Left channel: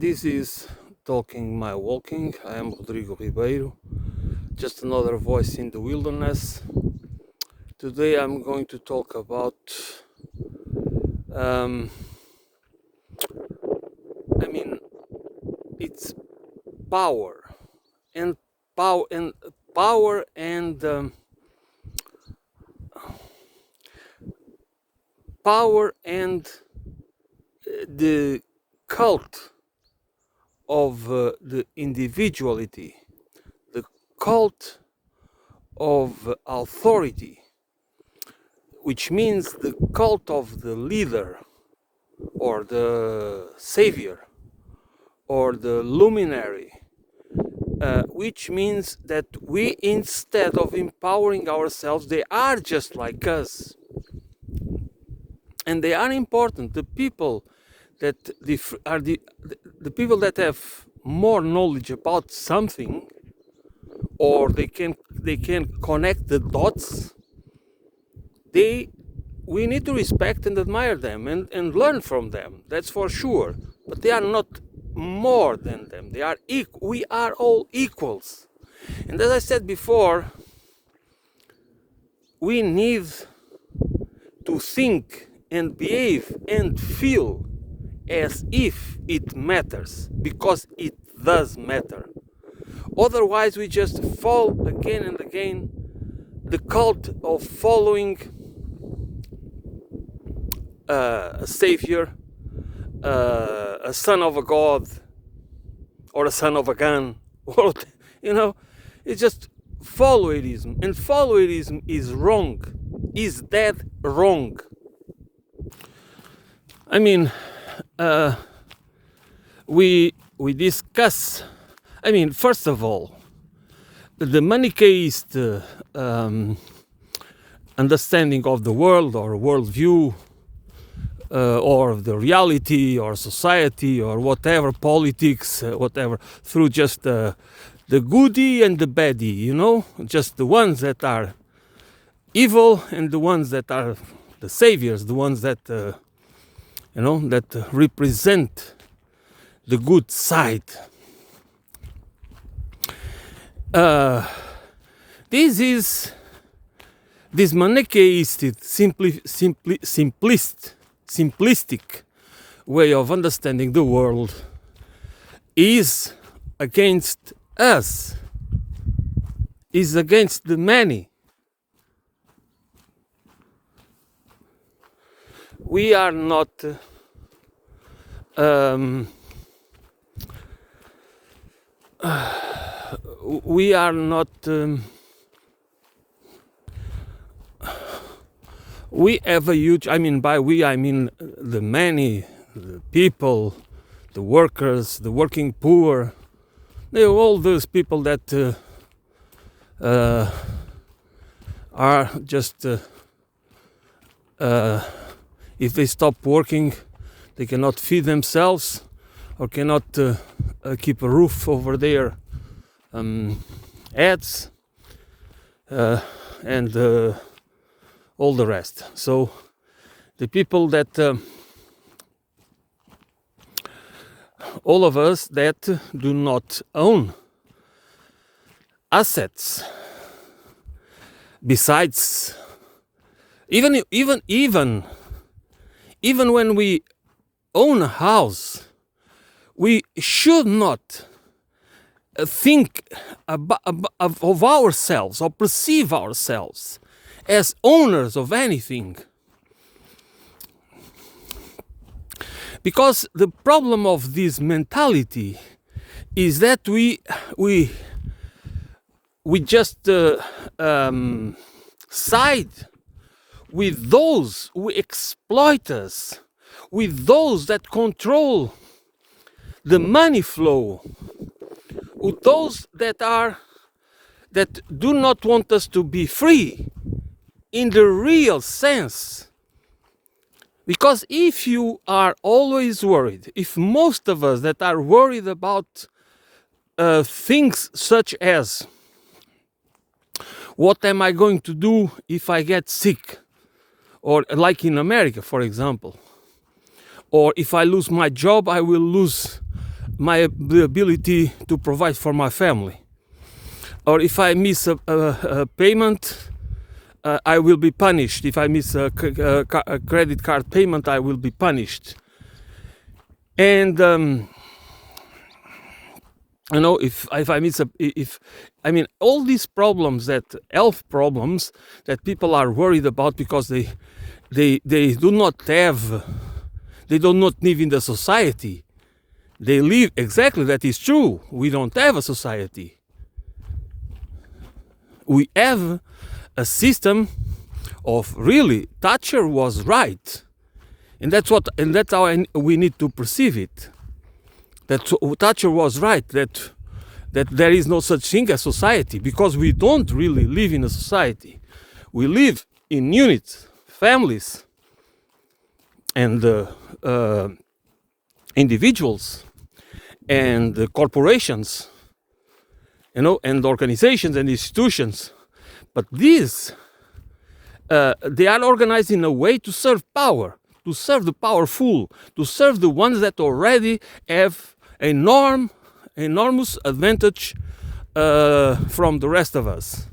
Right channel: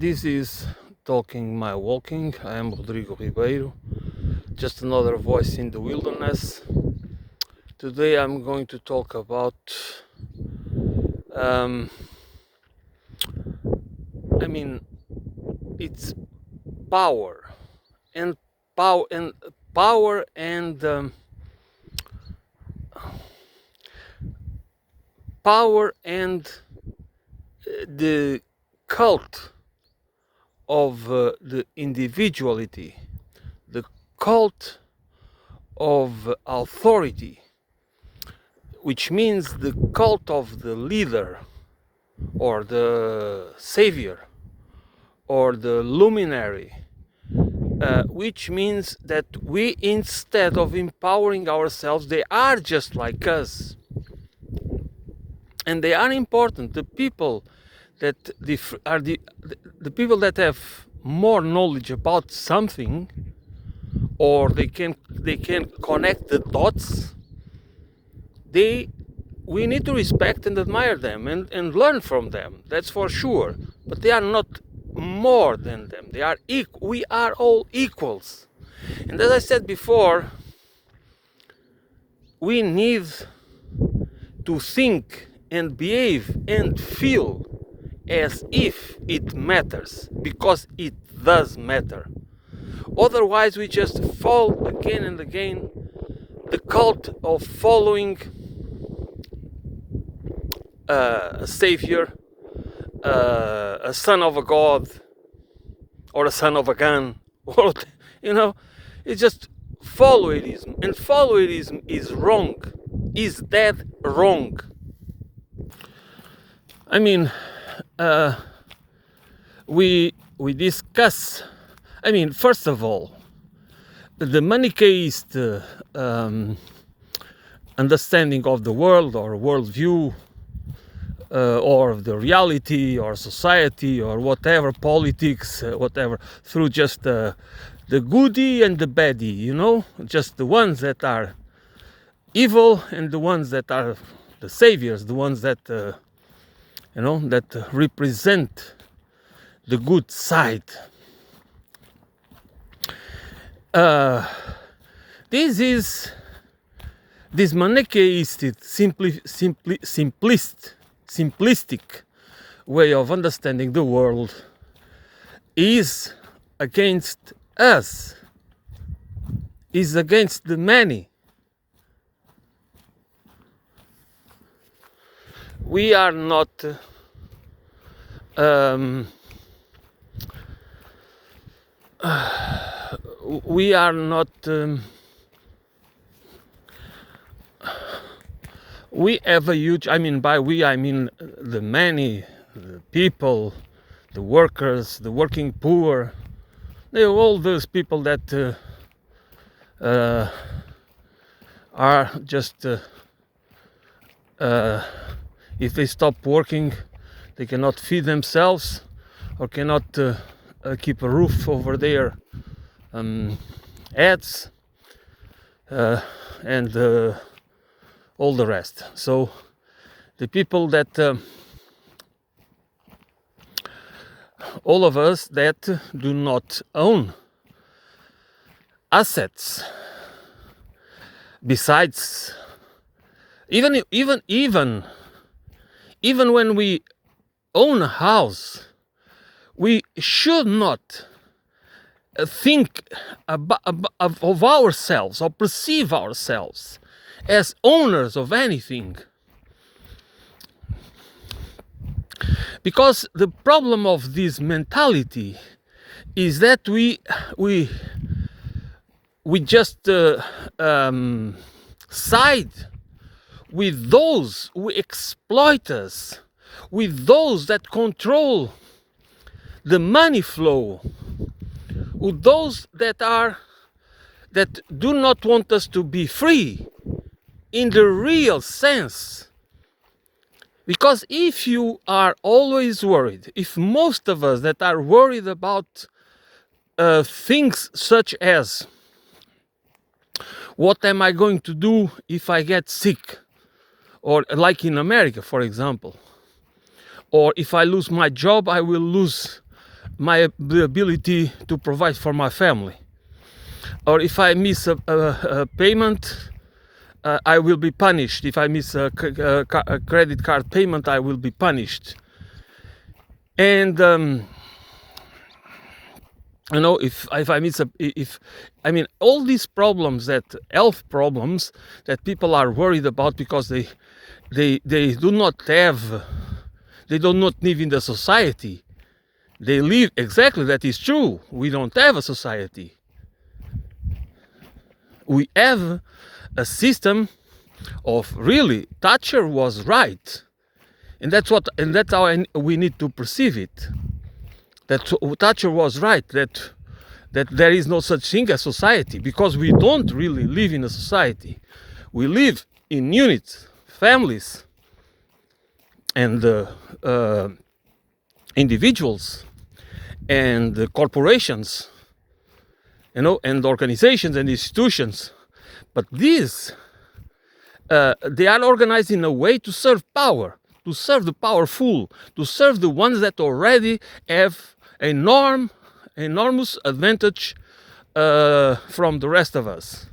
This is Talking My Walking. I am Rodrigo Ribeiro, just another voice in the wilderness. Today I'm going to talk about it's power and power and power and the cult of the individuality, the cult of authority, which means the cult of the leader or the savior or the luminary, which means that we, instead of empowering ourselves, they are just like us. And they are important. The people that are the people that have more knowledge about something, or they can connect the dots. We need to respect and admire them and learn from them. That's for sure. But they are not more than them. They are equal. We are all equals. And as I said before, we need to think and behave and feel as if it matters, because it does matter. Otherwise, we just fall again and again the cult of following a savior, a son of a god, or a son of a gun, or it's just followism, and followism is wrong, is dead wrong. I mean, we discuss. I mean, first of all, the Manichaeist understanding of the world or worldview, or the reality or society or whatever, politics, whatever, through just the goodie and the baddie, just the ones that are evil and the ones that are the saviors, the ones that that represent the good side. This Manichaeist, simplistic way of understanding the world is against us, is against the many. We are not we have a huge, by we I mean the many, the people, the workers, the working poor, all those people that are just if they stop working, they cannot feed themselves or cannot keep a roof over their heads, and all the rest. So the people that all of us that do not own assets, besides even when we own a house, we should not think of ourselves or perceive ourselves as owners of anything. Because the problem of this mentality is that we just side with those who exploit us, with those that control the money flow, with those that do not want us to be free in the real sense. Because if you are always worried, if most of us that are worried about things such as what am I going to do if I get sick, or like in America, for example, or if I lose my job, I will lose the ability to provide for my family. Or if I miss a payment, I will be punished. If I miss a credit card payment, I will be punished. And if I miss all these problems, that health problems that people are worried about because they do not live in the society. They live, exactly, that is true. We don't have a society. We have a system of, really, Thatcher was right. And that's how we need to perceive it. That Thatcher was right, that there is no such thing as society, because we don't really live in a society. We live in units, families, and individuals, and corporations, and organizations and institutions. But these, they are organized in a way to serve power, to serve the powerful, to serve the ones that already have enormous advantage from the rest of us.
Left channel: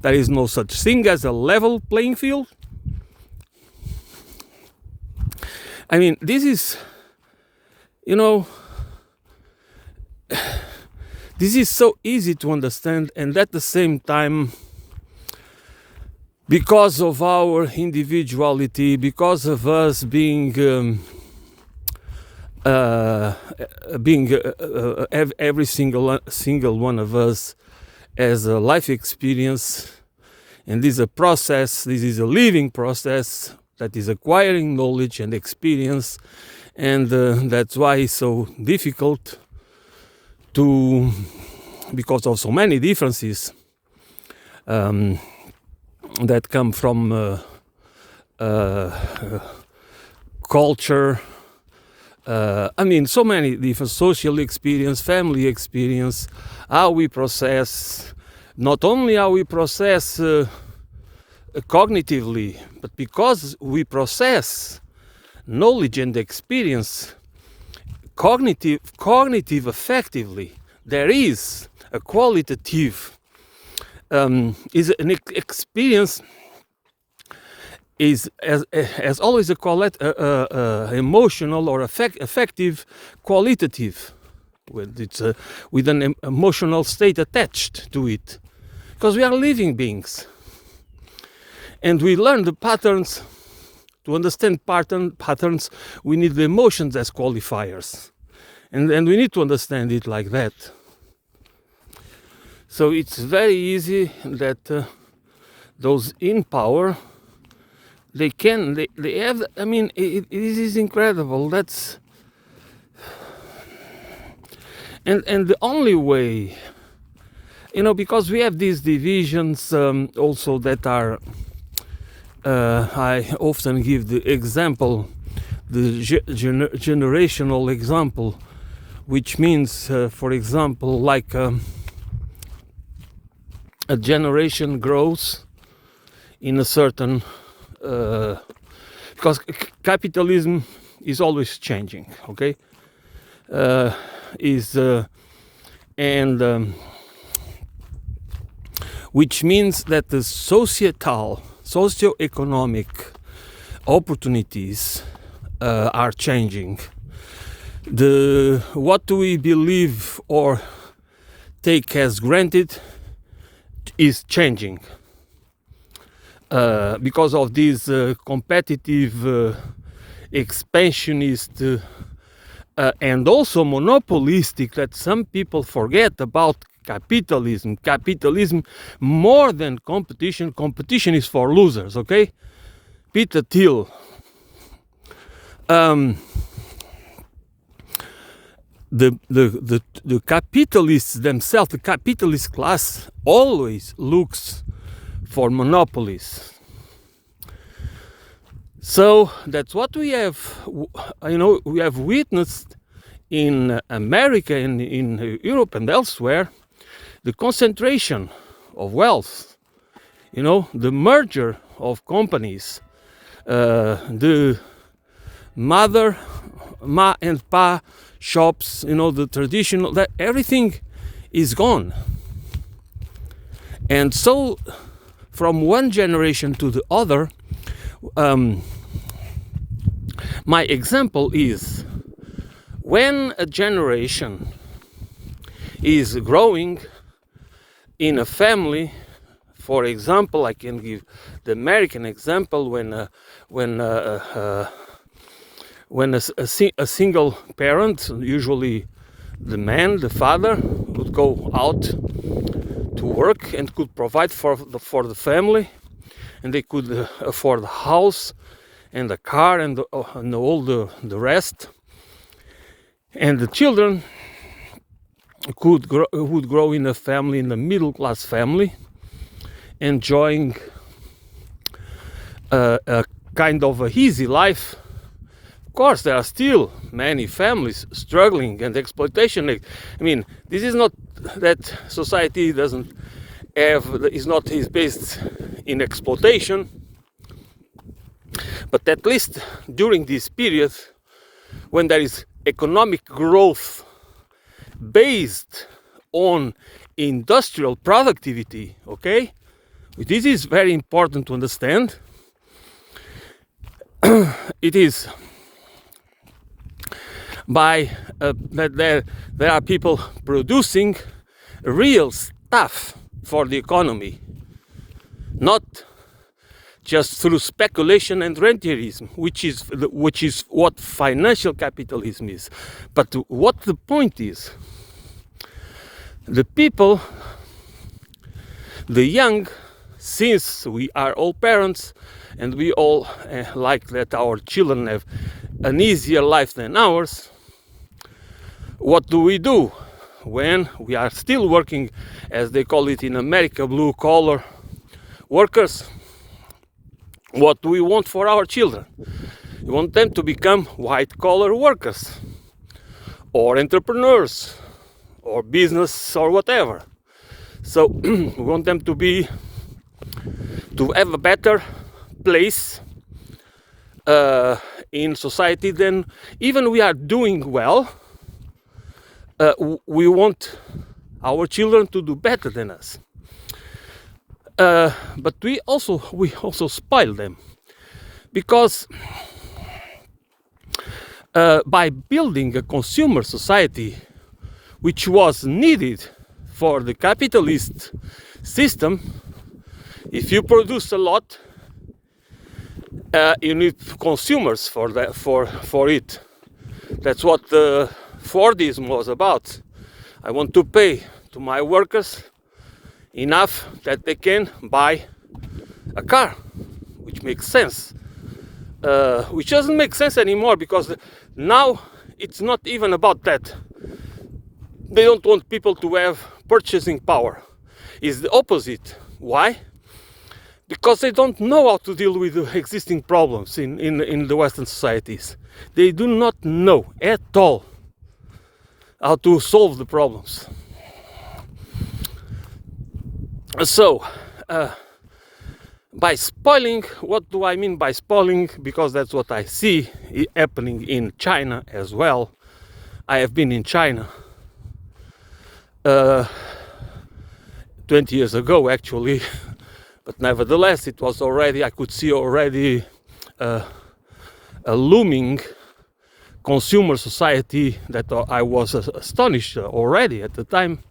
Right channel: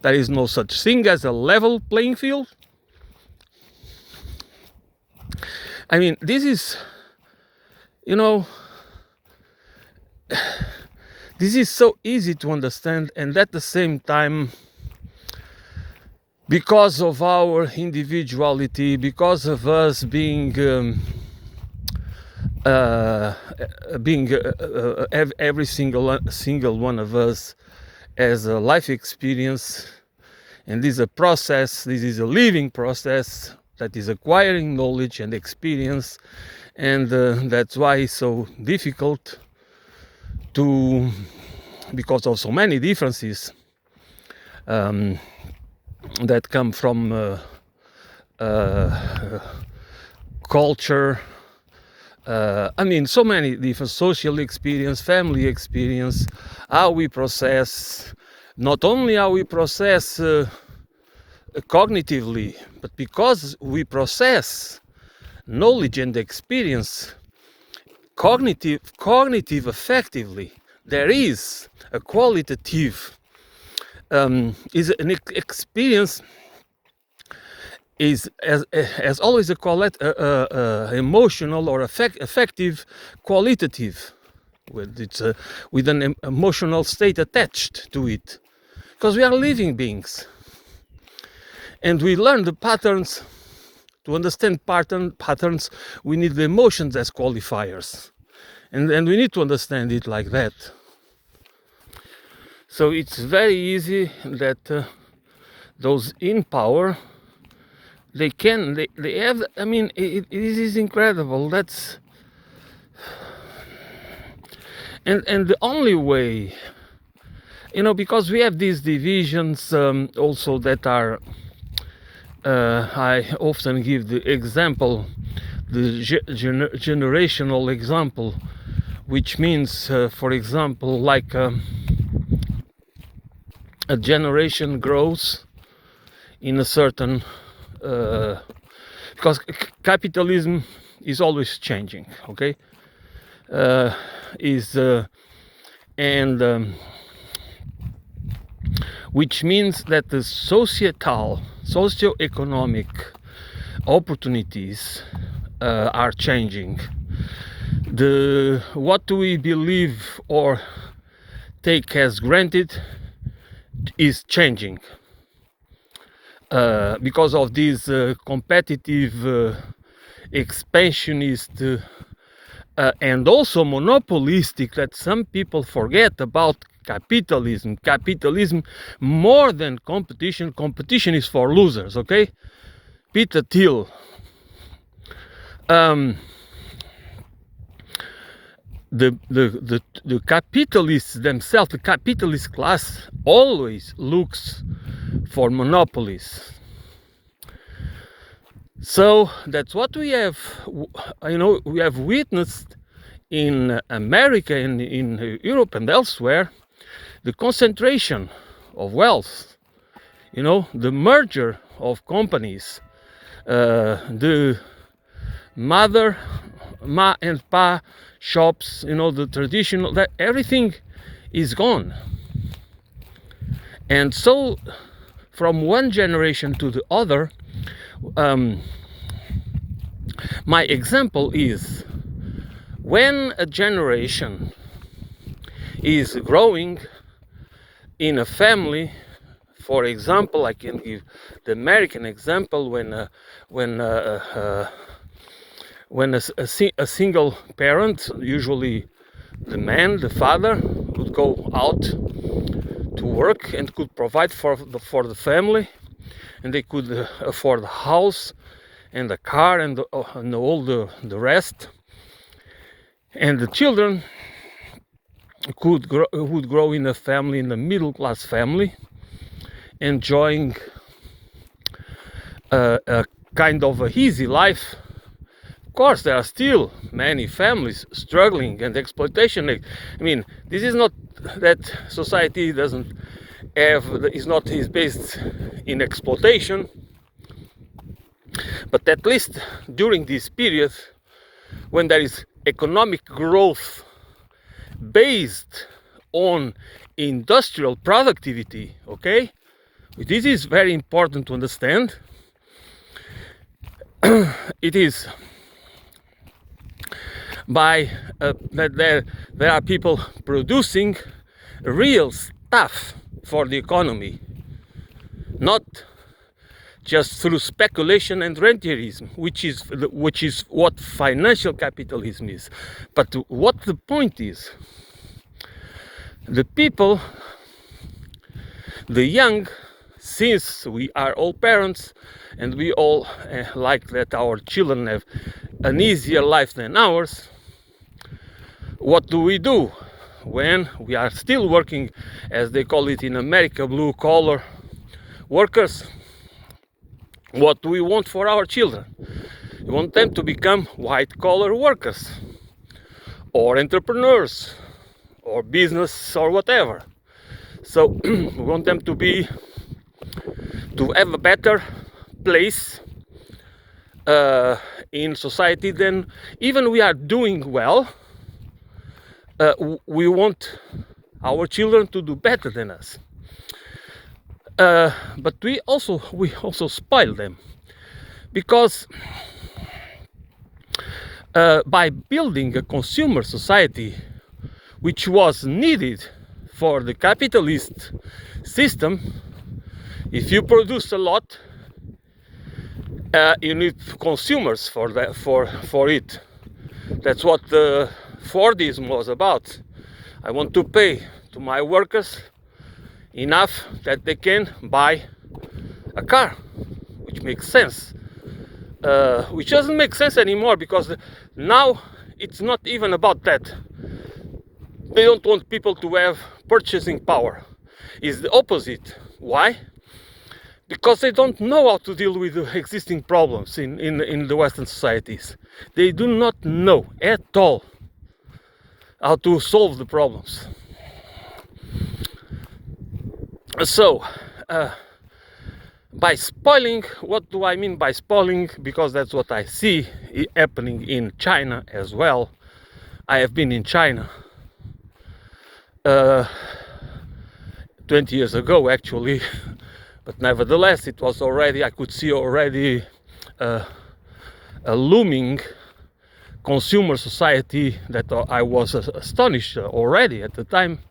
There is no such thing as a level playing field. I mean, this is, this is so easy to understand, and at the same time, because of our individuality, because of us being every single one of us has a life experience, and this is a process. This is a living process that is acquiring knowledge and experience, and that's why it's so difficult because of so many differences that come from culture. So many different social experience, family experience, how we process, not only how we process cognitively, but because we process knowledge and experience cognitive effectively, there is a qualitative is an experience is as always a emotional or affective qualitative, with an emotional state attached to it, because we are living beings, and we learn the patterns. To understand patterns, we need the emotions as qualifiers, and we need to understand it like that. So it's very easy that those in power, they have. It is incredible. That's and the only way, because we have these divisions also that are. I often give the example, the generational example, which means, for example, like a generation grows in a certain, because capitalism is always changing, okay? Which means that the socioeconomic opportunities are changing. What do we believe or take as granted is changing because of this competitive, expansionist, and also monopolistic, that some people forget about capitalism. Capitalism, more than competition. Competition is for losers, okay? Peter Thiel. The capitalists themselves, the capitalist class, always looks for monopolies. So that's what we have. We have witnessed in America, in Europe, and elsewhere. The concentration of wealth, the merger of companies, the mother ma and pa shops, the traditional, that everything is gone. And so from one generation to the other, my example is when a generation is growing in a family. For example, I can give the American example when a single parent, usually the man, the father, would go out to work and could provide for the family, and they could afford the house and the car and all the rest, and the children would grow in a family, in a middle class family, enjoying a kind of a easy life. Of course, there are still many families struggling and exploitation. I mean, this is not that society is based in exploitation, but at least during this period, when there is economic growth based on industrial productivity, okay? This is very important to understand. It is by that there are people producing real stuff for the economy, not just through speculation and rentierism, which is what financial capitalism is. But what the point is, the people, the young, since we are all parents and we all like that our children have an easier life than ours, what do we do when we are still working, as they call it in America, blue collar workers? What do we want for our children? We want them to become white collar workers or entrepreneurs or business or whatever. So we want them to have a better place in society than even we are doing well. We want our children to do better than us. But we also spoil them, because by building a consumer society which was needed for the capitalist system, if you produce a lot, you need consumers for it. That's what the Fordism was about. I want to pay to my workers enough that they can buy a car, which makes sense, which doesn't make sense anymore, because now it's not even about that. They don't want people to have purchasing power. It's the opposite. Why? Because they don't know how to deal with the existing problems in the Western societies. They do not know at all how to solve the problems. So, by spoiling, what do I mean by spoiling? Because that's what I see happening in China as well. I have been in China 20 years ago, actually, but nevertheless, it was already, I could see already a looming consumer society that I was astonished already at the time,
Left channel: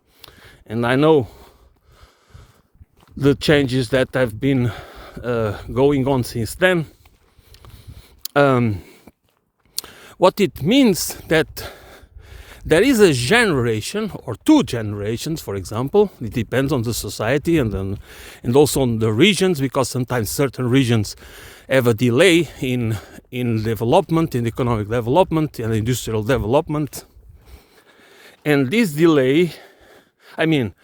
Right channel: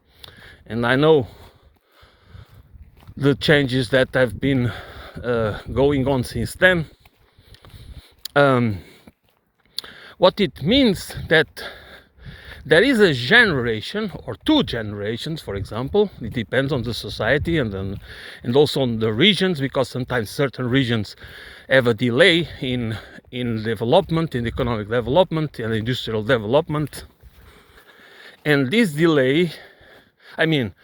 and I know the changes that have been going on since then. What it means that there is a generation or two generations, for example. It depends on the society and also on the regions, because sometimes certain regions have a delay in development, in economic development and industrial development. And this delay, I mean,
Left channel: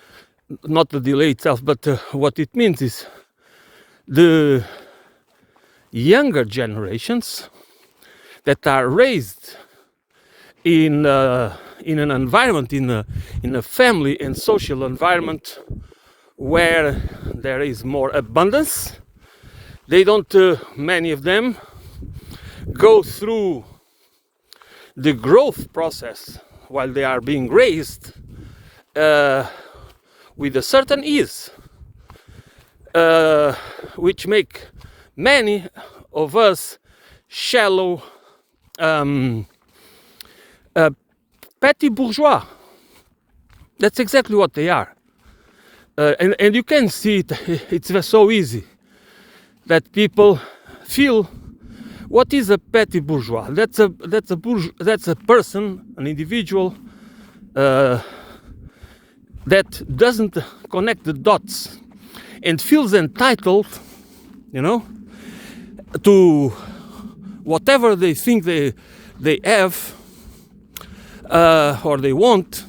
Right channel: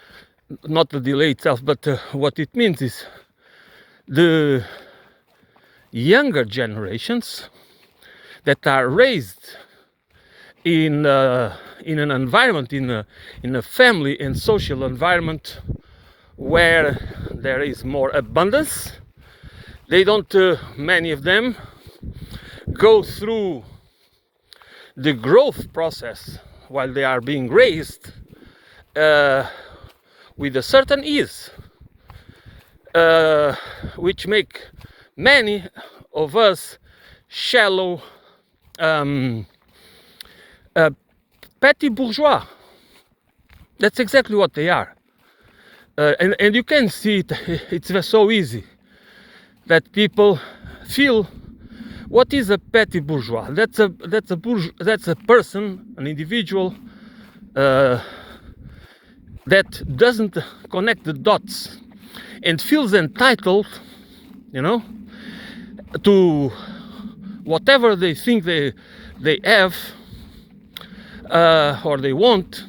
not the delay itself, but what it means is the younger generations that are raised in an environment, in a family and social environment where there is more abundance. They don't, many of them, go through the growth process while they are being raised with a certain ease, which make many of us shallow, petty bourgeois. That's exactly what they are. And you can see it, it's so easy that people feel, what is a petty bourgeois? That's a person, an individual that doesn't connect the dots and feels entitled, to whatever they think they have or they want,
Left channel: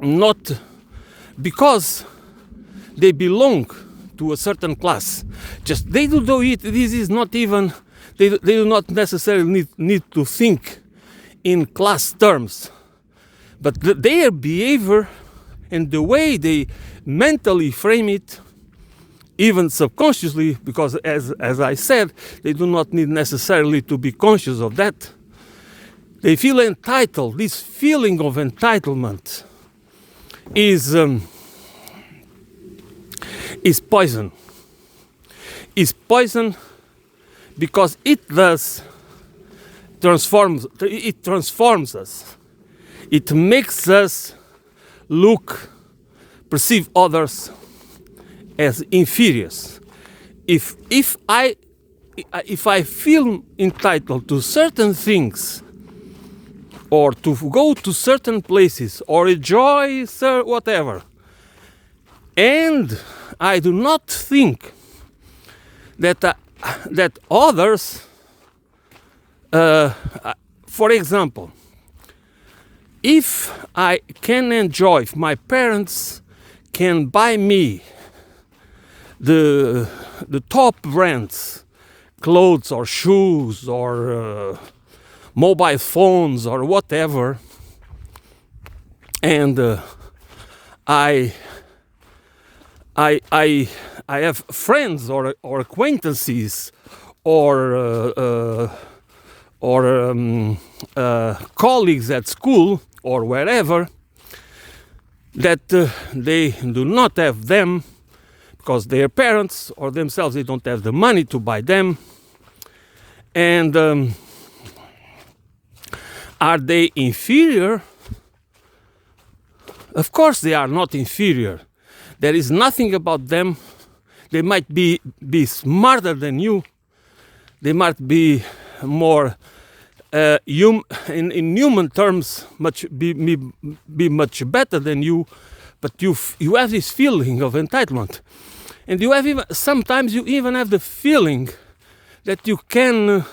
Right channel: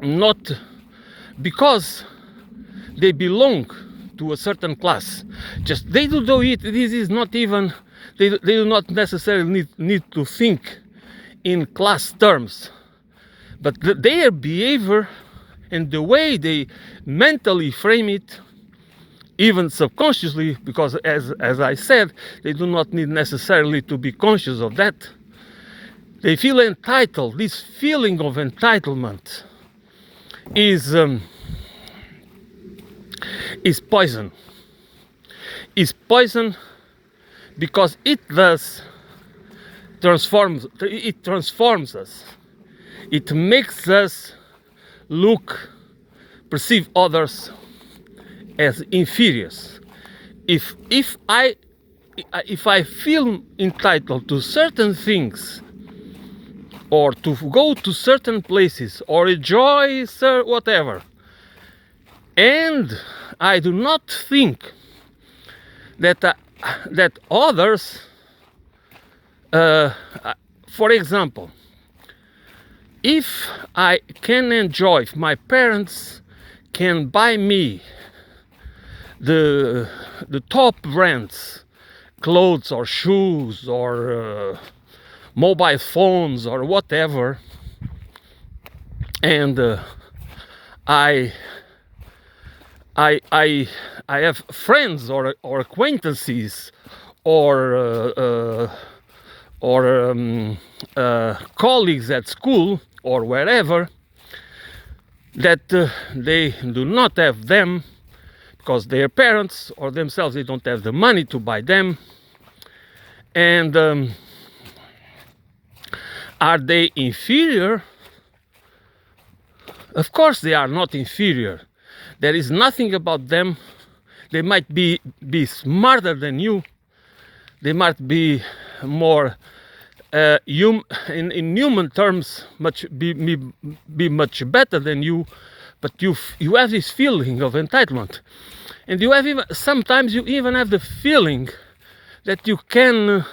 not because they belong to a certain class. Just they do it. This is not even. They do not necessarily need to think in class terms, but their behavior and the way they mentally frame it, even subconsciously, because as I said, they do not need necessarily to be conscious of that. They feel entitled. This feeling of entitlement is poison. Is poison because it transforms us. It makes us perceive others as inferiors. If I feel entitled to certain things, or to go to certain places, or enjoy whatever, and I do not think that others, for example, if I can enjoy, if my parents can buy me the top brands, clothes or shoes or mobile phones or whatever, and I have friends or acquaintances or colleagues at school or wherever that they do not have them because their parents or themselves, they don't have the money to buy them. And are they inferior? Of course they are not inferior. There is nothing about them. They might be smarter than you. They might be more in human terms be much better than you, but you have this feeling of entitlement, and you have sometimes you even have the feeling that you can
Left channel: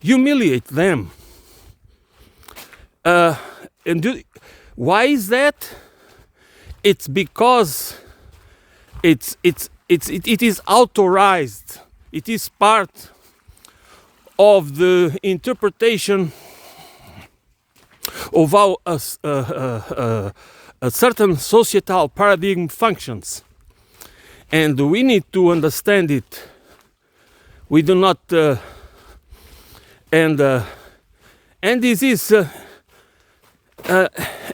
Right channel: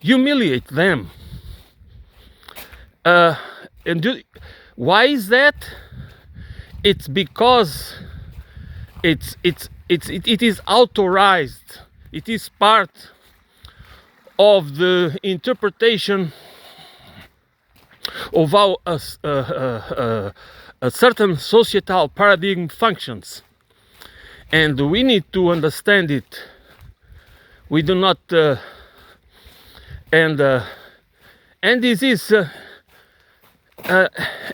humiliate them. Why is that? It's because it is authorized. It is part of the interpretation of how a certain societal paradigm functions, and we need to understand it. We do not, and this is,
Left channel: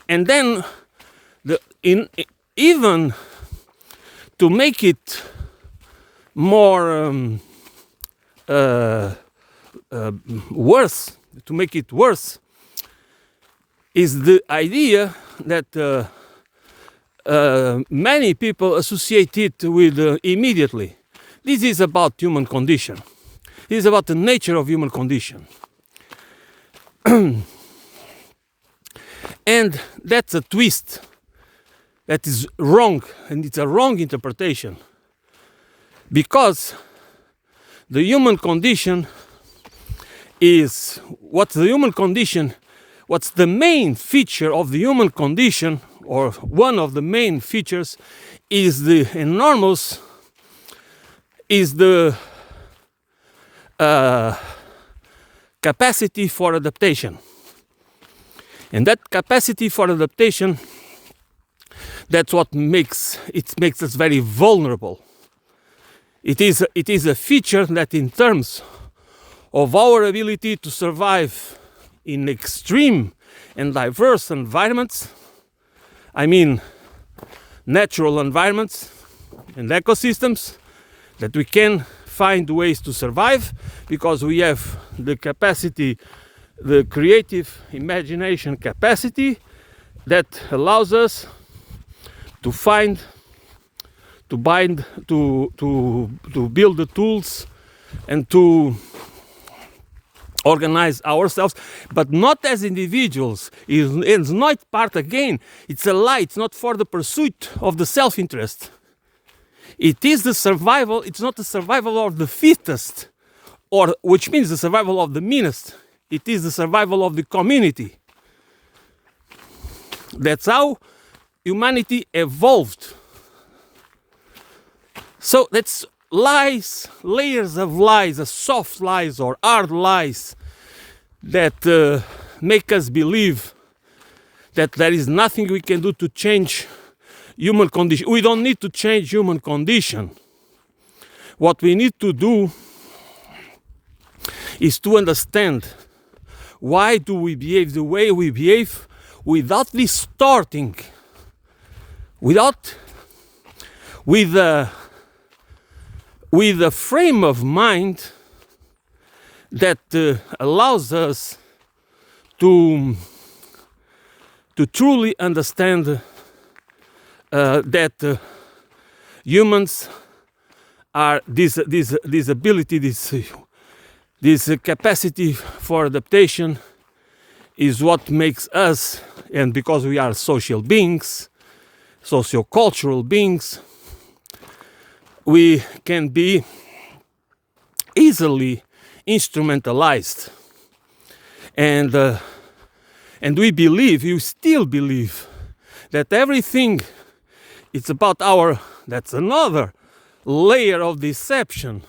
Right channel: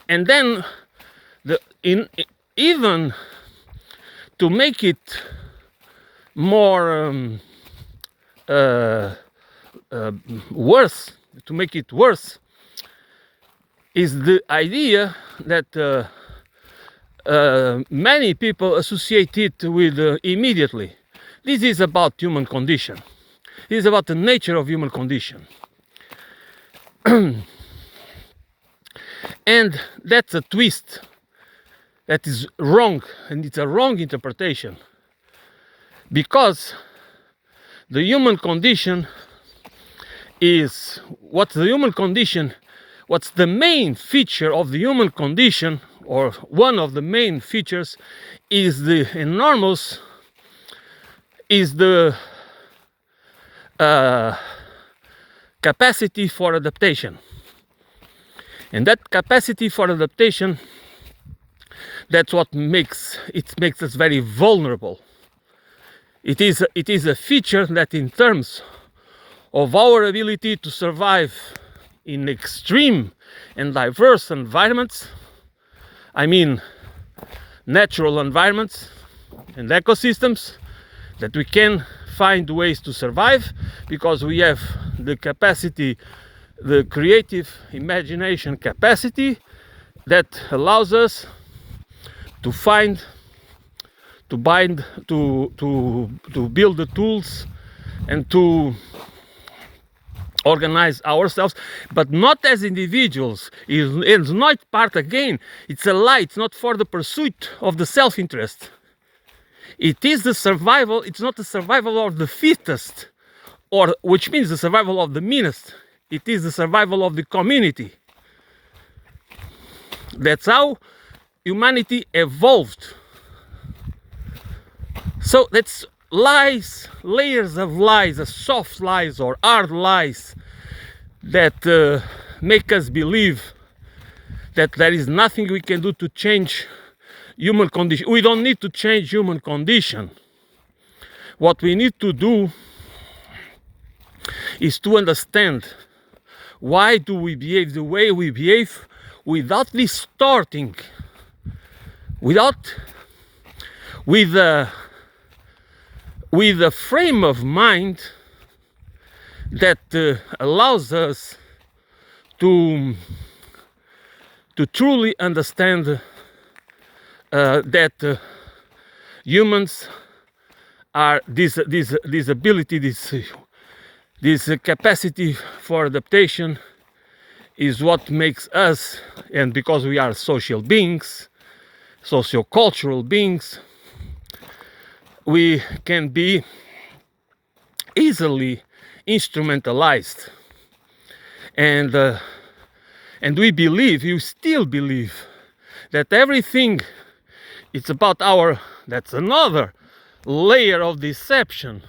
and then even to make it more worse, is the idea that many people associate it with immediately. This is about human condition. This is about the nature of human condition. And that's a twist that is wrong, and it's a wrong interpretation, because the human condition is what's the main feature of the human condition, or one of the main features is the capacity for adaptation. And that capacity for adaptation, that's what makes us very vulnerable. It is a feature that, in terms of our ability to survive in extreme and diverse environments. I mean, natural environments and ecosystems, that we can find ways to survive because we have the capacity, the creative imagination capacity that allows us to find, to bind, to build the tools and to organize ourselves, but not as individuals. It's not part, again, it's a lie. It's not for the pursuit of the self-interest. It is the survival. It's not the survival of the fittest, or which means the survival of the meanest. It is the survival of the community. That's how humanity evolved. So that's lies, layers of lies, soft lies or hard lies that make us believe that there is nothing we can do to change human condition. We don't need to change human condition. What we need to do is to understand why do we behave the way we behave without distorting, with a frame of mind that allows us to truly understand that humans are this ability, this capacity for adaptation is what makes us, and because we are social beings, socio-cultural beings, we can be easily instrumentalized, and we believe, you still believe, that everything it's about that's another layer of deception,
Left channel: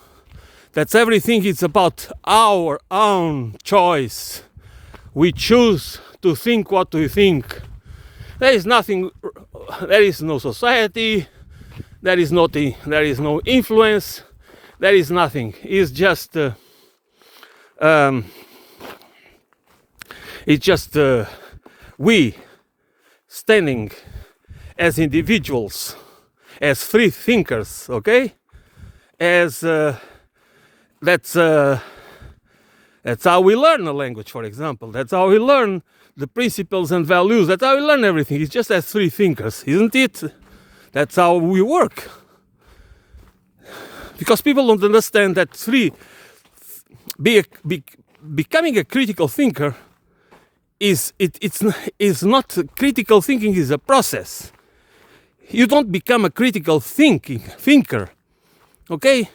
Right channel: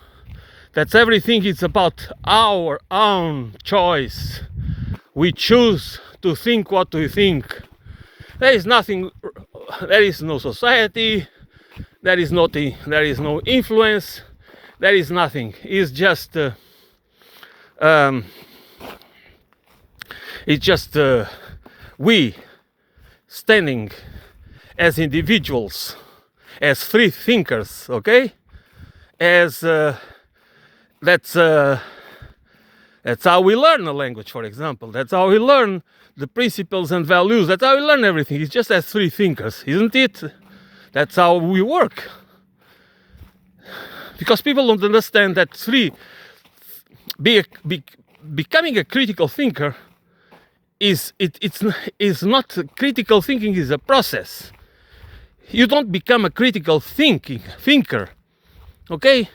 that's everything is about our own choice. We choose to think what we think. There is nothing, there is no society, there is no influence, there is nothing. It's just we standing as individuals, as free thinkers, okay? As that's how we learn a language, for example. That's how we learn the principles and values. That's how we learn everything. It's just as free thinkers, isn't it? That's how we work. Because people don't understand that becoming a critical thinker it's not, critical thinking is a process. You don't become a critical thinker, okay?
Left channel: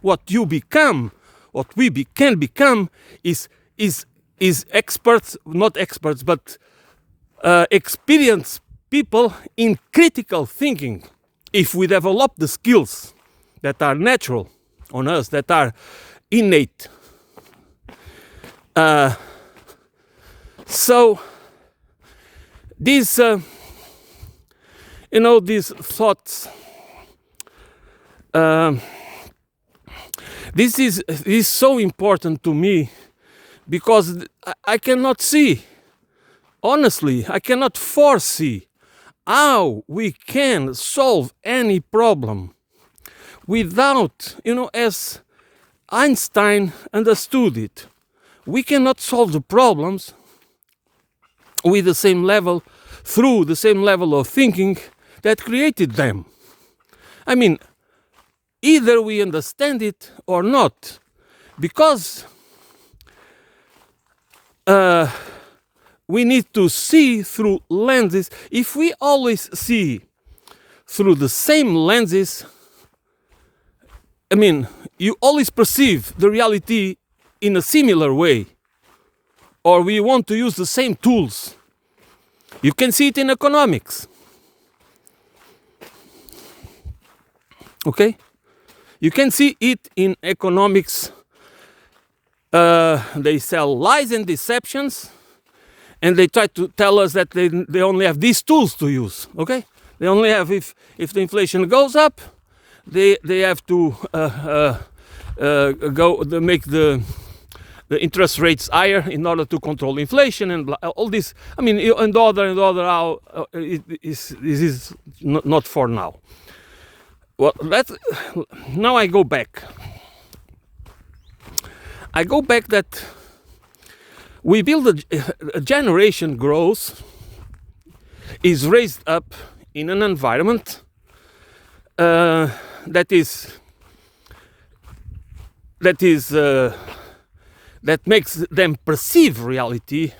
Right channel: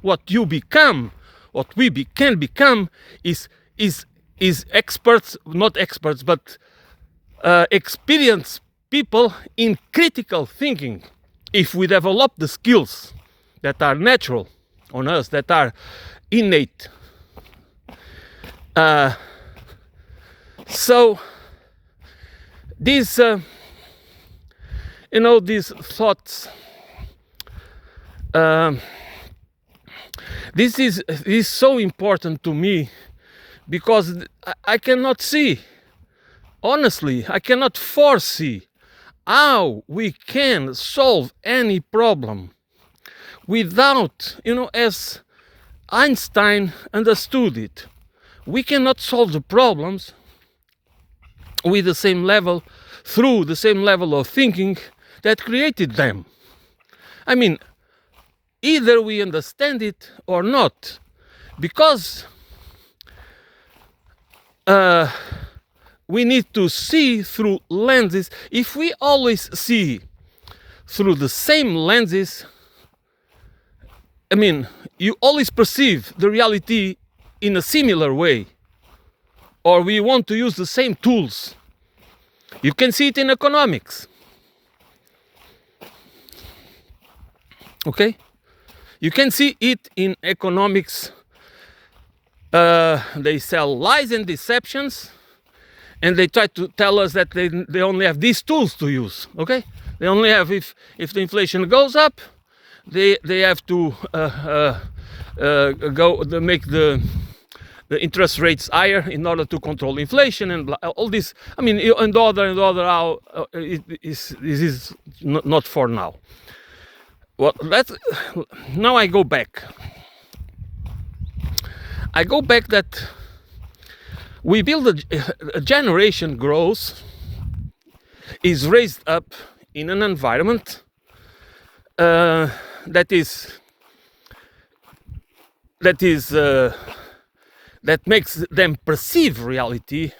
What you become, what we can become is experts, not experts, but experienced people in critical thinking. If we develop the skills that are natural on us, that are innate. So these these thoughts, this is so important to me, because I cannot see, honestly, I cannot foresee how we can solve any problem without, as Einstein understood it, we cannot solve the problems with the same level, through the same level of thinking that created them. I mean, either we understand it or not, because we need to see through lenses. If we always see through the same lenses, I mean, you always perceive the reality in a similar way, or we want to use the same tools. You can see it in economics. Okay? You can see it in economics. They sell lies and deceptions, and they try to tell us that they only have these tools to use. Okay? They only have, if the inflation goes up, they have to make the the interest rates higher in order to control inflation and all this. I mean, and the other, how this is not for now. Well, now I go back. I go back that we build a generation grows, is raised up in an environment that makes them perceive reality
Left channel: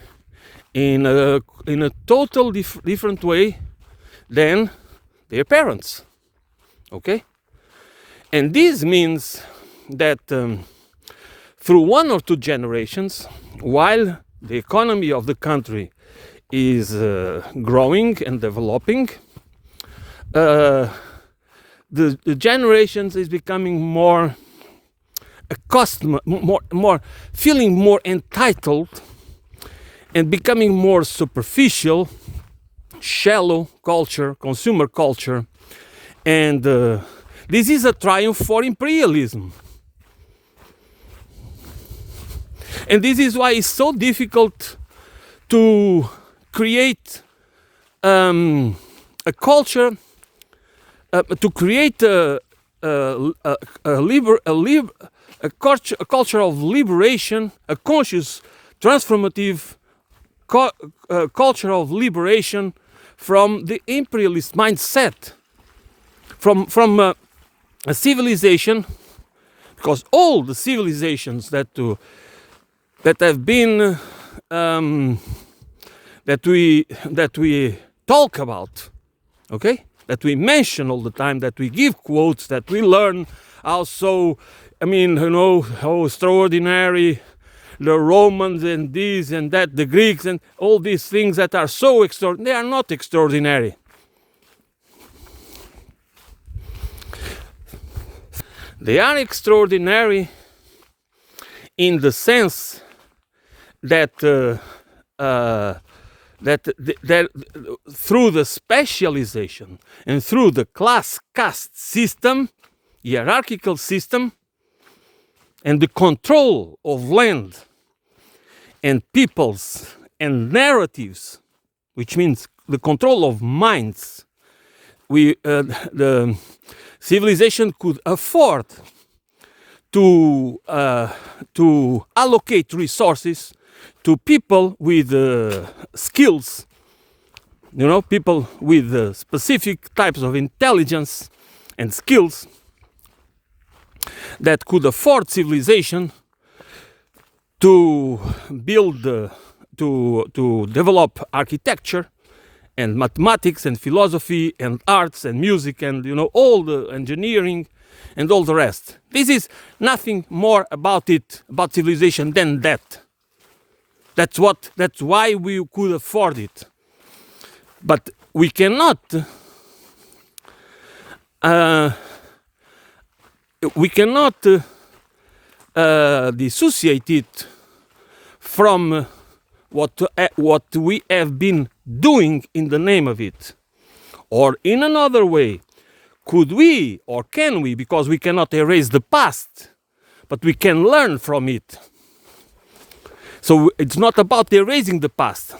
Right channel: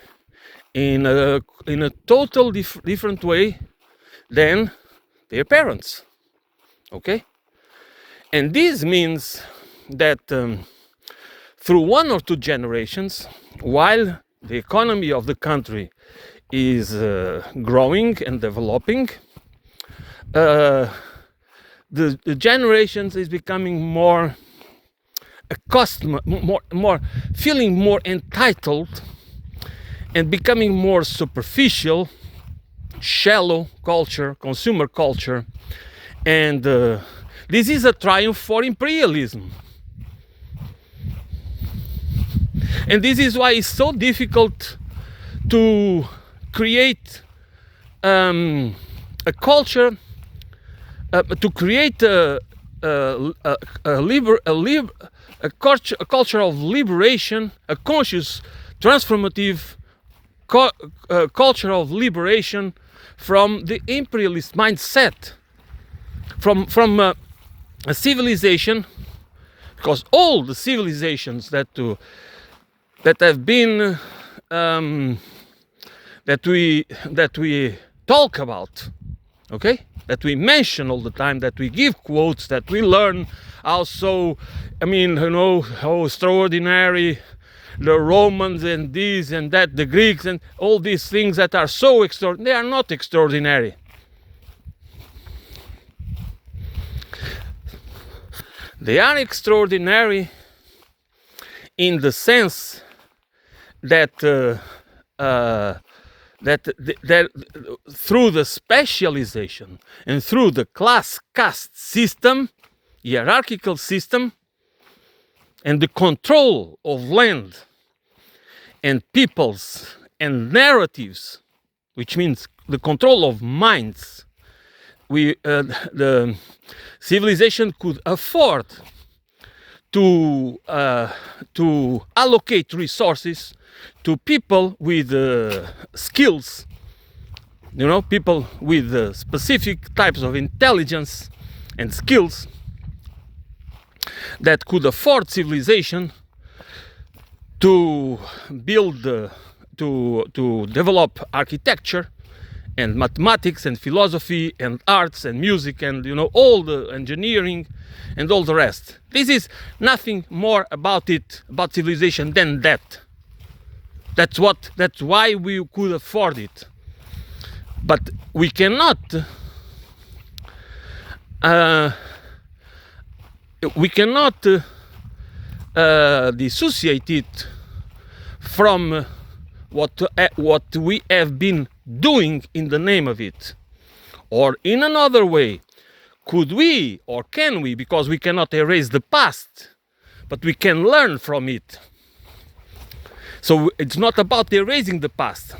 in a total different way than their parents. Okay, and this means that through one or two generations, while the economy of the country is growing and developing, the generations is becoming more accustomed, more feeling more entitled, and becoming more superficial, shallow culture, consumer culture, and this is a triumph for imperialism. And this is why it's so difficult to create a culture, to create a culture of liberation, a conscious, transformative culture of liberation from the imperialist mindset, from a civilization, because all the civilizations that have been that we talk about, okay, that we mention all the time, that we give quotes, that we learn also, I mean, you know, how extraordinary the Romans and this and that, the Greeks and all these things that are so extraordinary. They are not extraordinary. They are extraordinary in the sense that that through the specialization and through the class caste system, hierarchical system, and the control of land and peoples and narratives, which means the control of minds, the civilization could afford to allocate resources to people with skills, you know, people with specific types of intelligence and skills that could afford civilization to build, to develop architecture and mathematics and philosophy and arts and music and, you know, all the engineering and all the rest. This is nothing more about civilization than that. That's why we could afford it. But we cannot dissociate it from what we have been doing in the name of it. Or in another way, could we or can we, because we cannot erase the past, but we can learn from it. So it's not about erasing the past.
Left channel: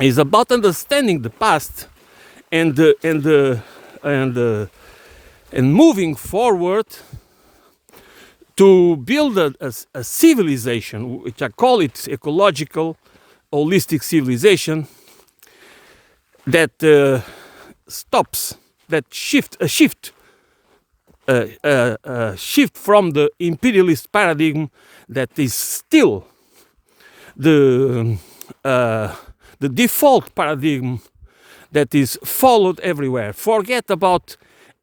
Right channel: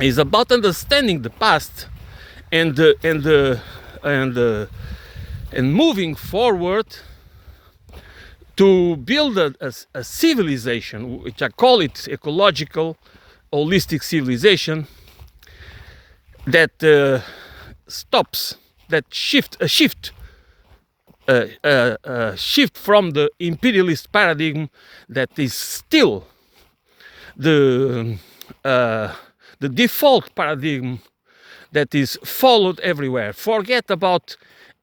It's about understanding the past and moving forward to build a civilization, which I call it ecological, holistic civilization, that stops, that shift from the imperialist paradigm that is still the default paradigm that is followed everywhere. Forget about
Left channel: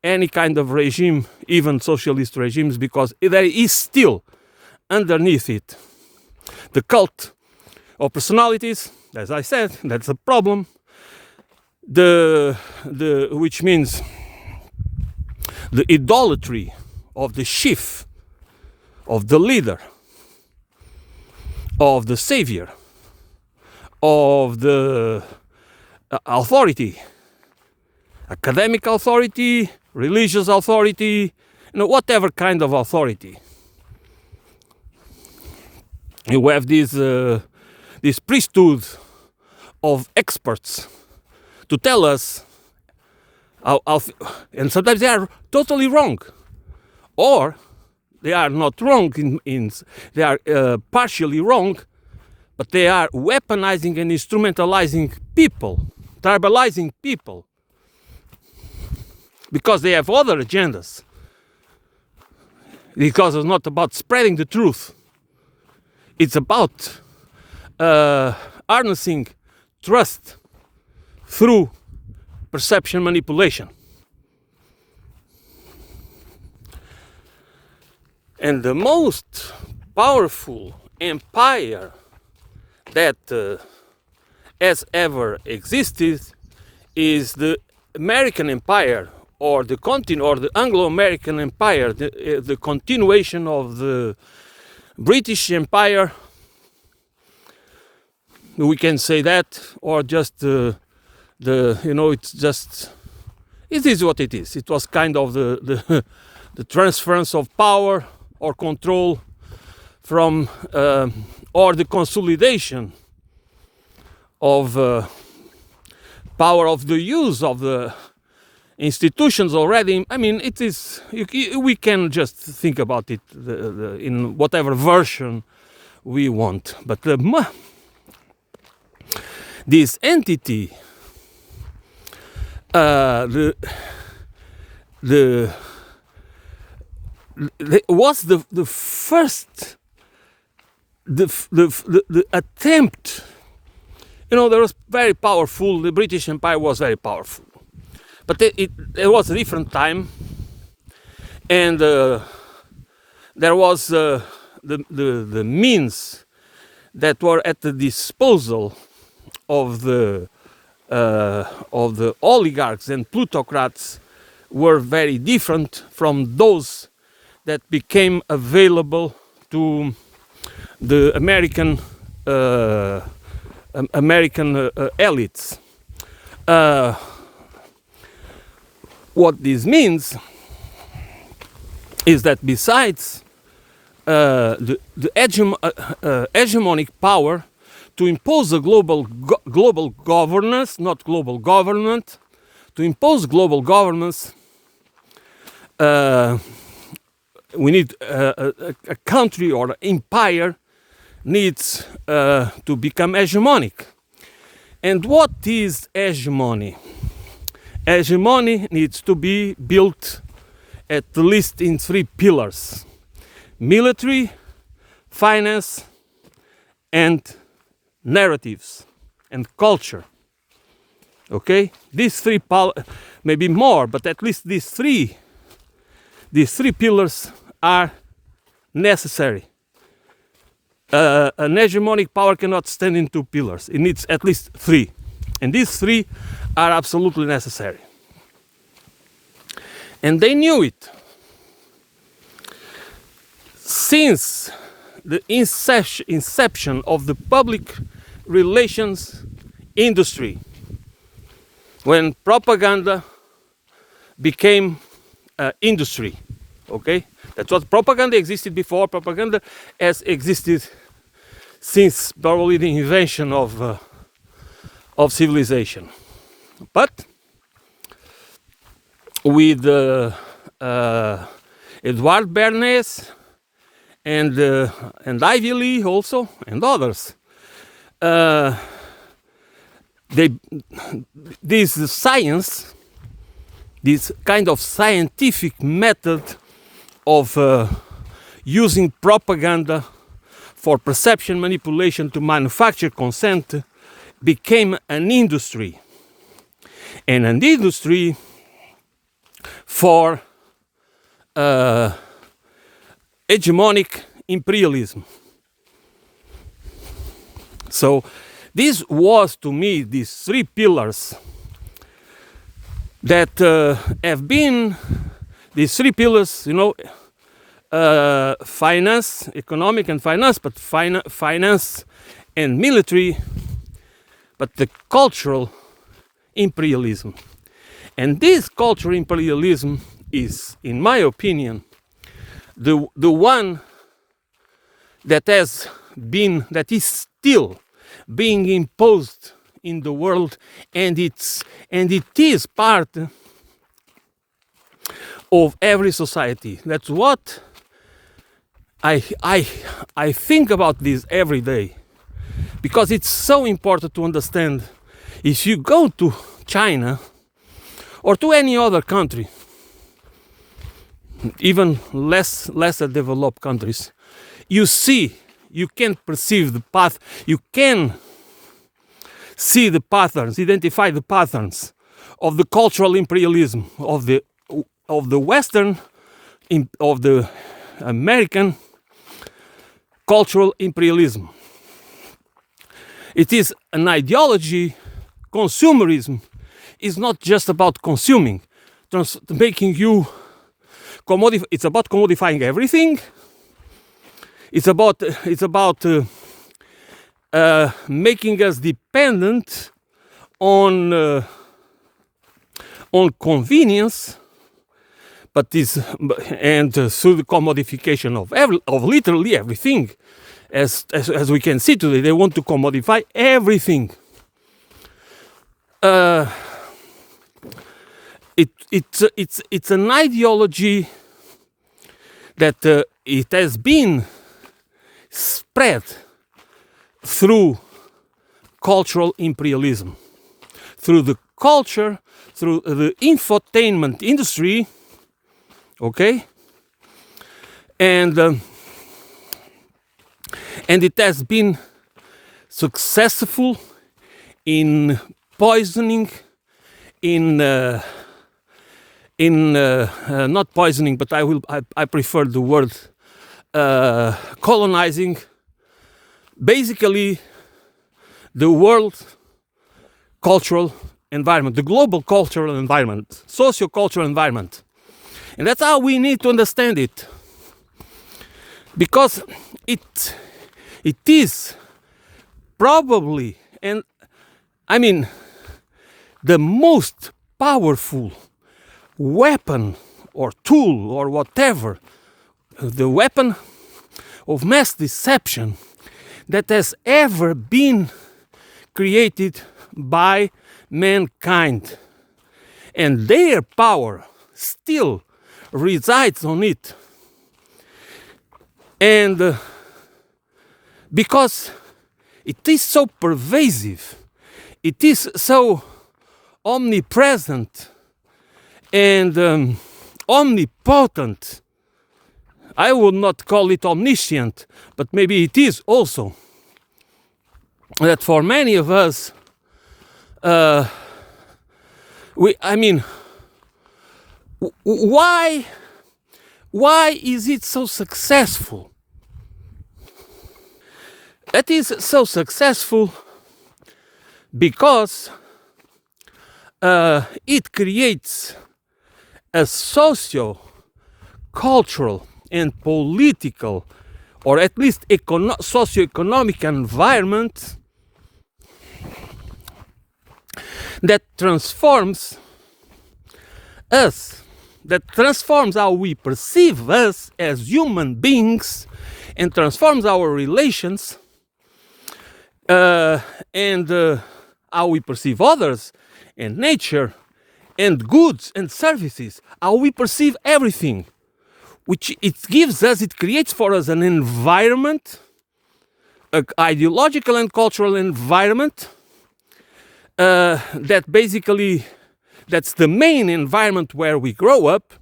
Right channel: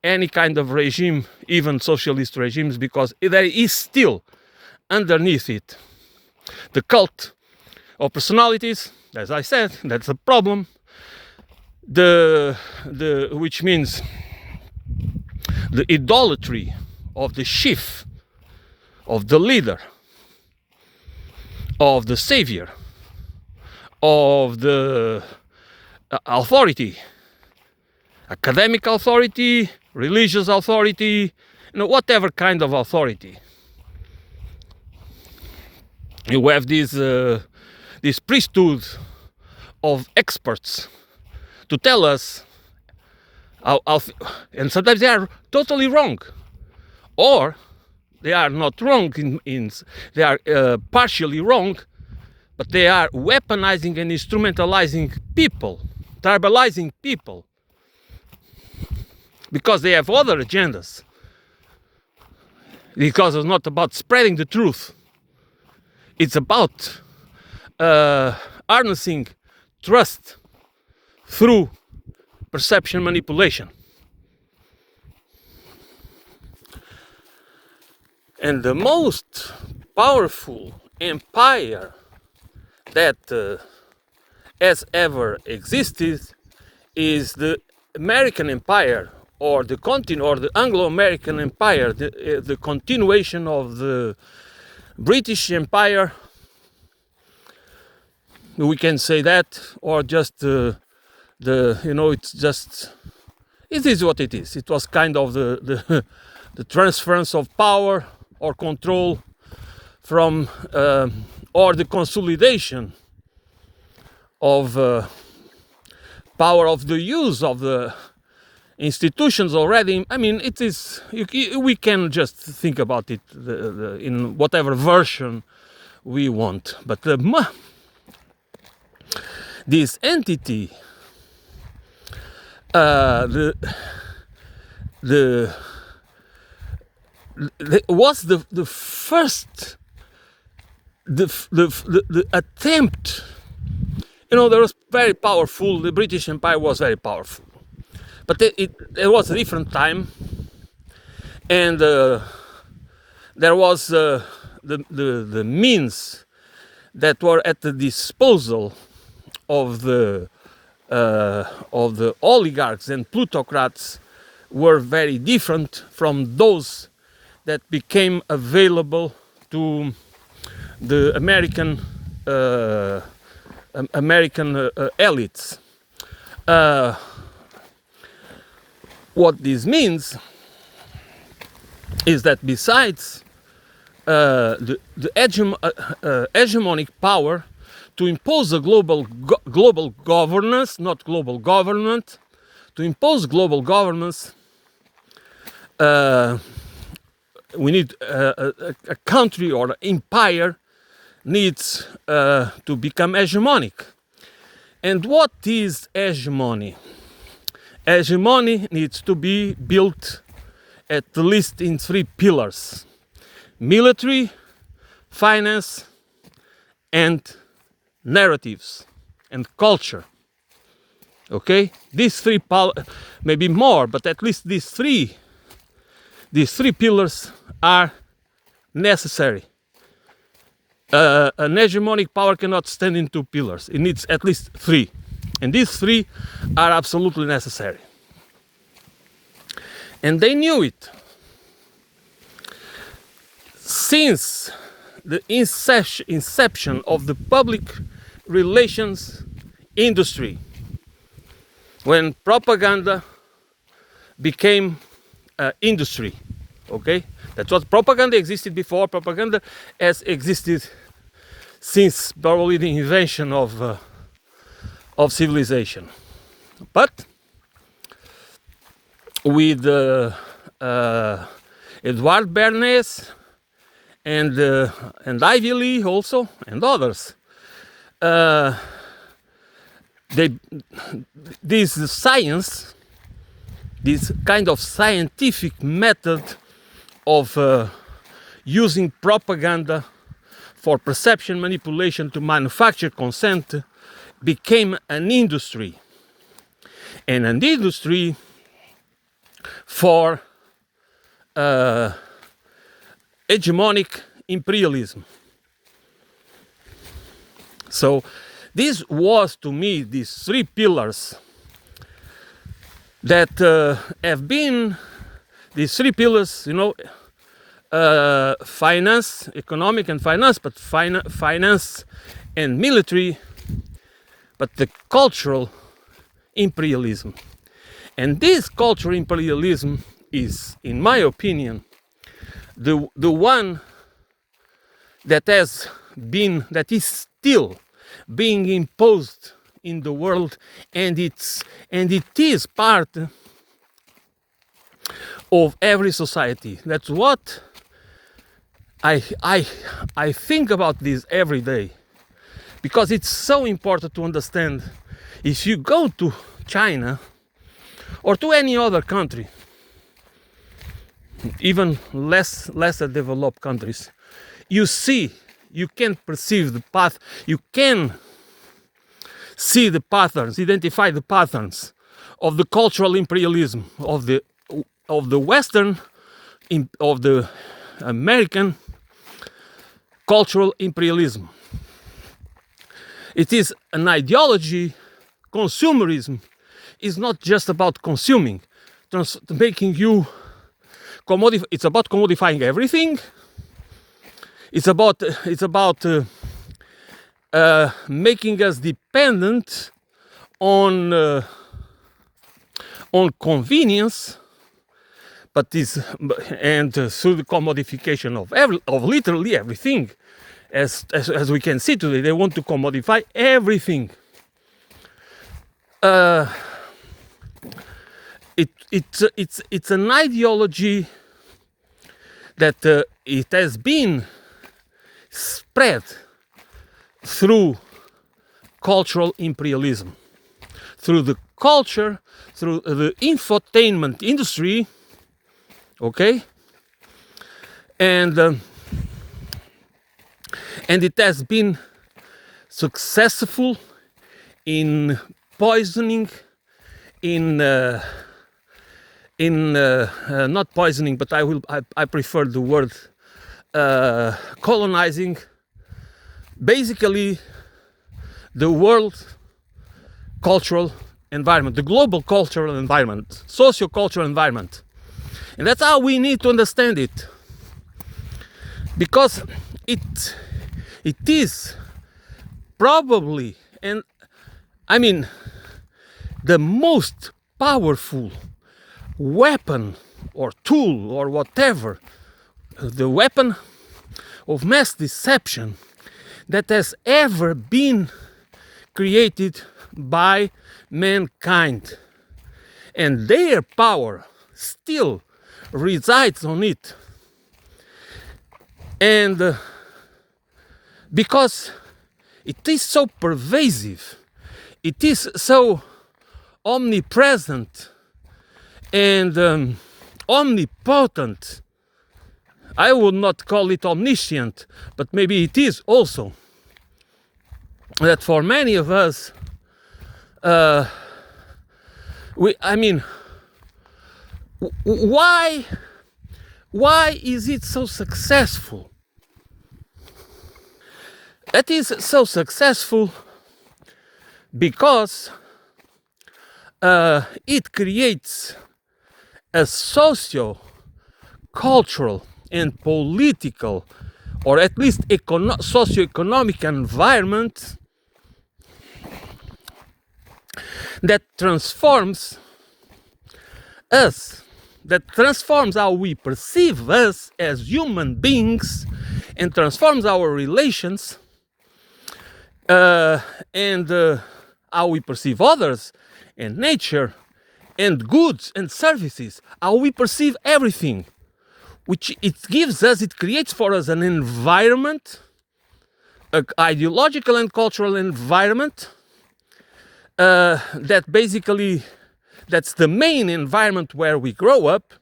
any kind of regime, even socialist regimes, because there is still underneath it the cult of personalities. As I said, that's a problem. Which means the idolatry of the chief, of the leader, of the savior, of the authority, academic authority, religious authority, you know, whatever kind of authority. You have this priesthood of experts to tell us and sometimes they are totally wrong, or they are not wrong they are partially wrong, but they are weaponizing and instrumentalizing people, tribalizing people, because they have other agendas. Because it's not about spreading the truth. It's about harnessing trust through perception manipulation. And the most powerful empire that has ever existed is the American Empire, or the Anglo-American Empire, the continuation of the British Empire. We can say that, or just it's just, it is what it is. It was kind of the transference of power or control from, or the consolidation of power, of the use of the institutions already. I mean, it is, we can just think about it in whatever version we want. But this entity, was the first, the attempt. There was very powerful. The British Empire was very powerful, but it was a different time, and there was the means that were at the disposal of the oligarchs and plutocrats were very different from those that became available to the American elites. What this means is that besides the hegemonic power to impose a global governance, not global government, to impose global governance, we need a country or an empire needs to become hegemonic. And what is hegemony? Hegemony needs to be built at least in 3 pillars: military, finance, and narratives and culture. Okay, these 3 maybe more, but at least these three pillars are necessary. An hegemonic power cannot stand in 2 pillars. It needs at least 3, and these 3 are absolutely necessary. And they knew it since the inception of the public relations industry, when propaganda became industry. Okay, that's what propaganda existed before. Propaganda has existed since probably the invention of civilization. But with Edward Bernays and Ivy Lee also, and others, this science, this kind of scientific method of using propaganda for perception manipulation to manufacture consent became an industry, and an industry for hegemonic imperialism. So this was, to me, these 3 pillars that have been these 3 pillars, finance, economic and finance, but finance and military, but the cultural imperialism. And this cultural imperialism is, in my opinion, the one that has is still being imposed in the world, and it is part of every society. That's what I think about this every day, because it's so important to understand. If you go to China or to any other country, even lesser developed countries, you can perceive the path, you can see the patterns, identify the patterns of the cultural imperialism of the Western, of the American cultural imperialism. It is an ideology. Consumerism is not just about consuming, making you it's about commodifying everything. It's about making us dependent on convenience, through the commodification of literally everything, as we can see today, they want to commodify everything. It's an ideology that it has been spread through cultural imperialism, through the culture, through the infotainment industry, okay, and it has been successful in poisoning, not poisoning, but I prefer the word colonizing, basically the world cultural environment, the global cultural environment, socio-cultural environment. And that's how we need to understand it, because it is probably, and I mean, the most powerful weapon or tool or whatever, the weapon of mass deception that has ever been created by mankind. And their power still resides on it. And because it is so pervasive, it is so omnipresent and omnipotent. I would not call it omniscient, but maybe it is also. That for many of us, why is it so successful? It is so successful because it creates a socio-cultural and political, or at least socio-economic environment that transforms us, that transforms how we perceive us as human beings, and transforms our relations and how we perceive others and nature and goods and services, how we perceive everything, which it creates for us an environment, an ideological and cultural environment that basically, that's the main environment where we grow up,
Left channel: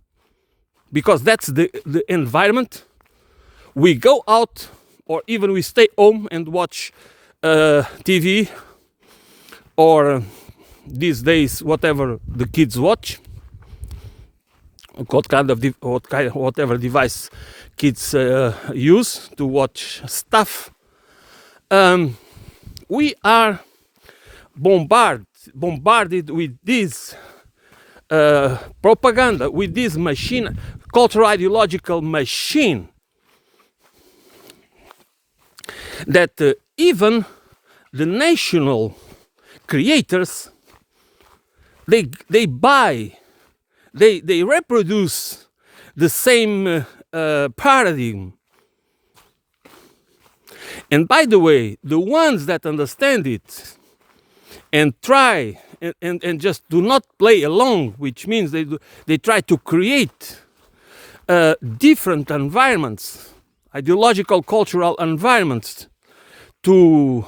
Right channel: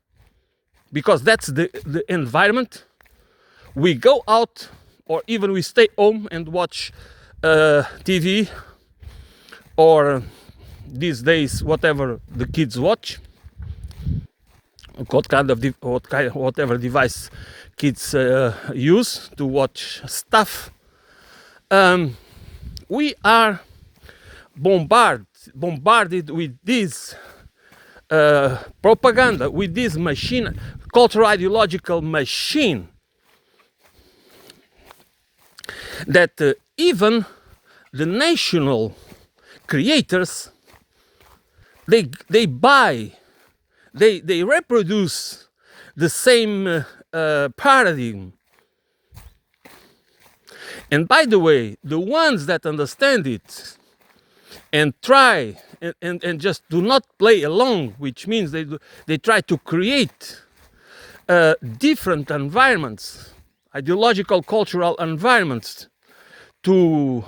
because that's the environment. We go out, or even we stay home and watch TV, or these days whatever the kids watch, whatever device kids use to watch stuff. We are bombarded with this propaganda, with this machine, cultural ideological machine, that even the national creators, they reproduce the same paradigm. And by the way, the ones that understand it and try and just do not play along, which means they try to create different environments, ideological, cultural environments to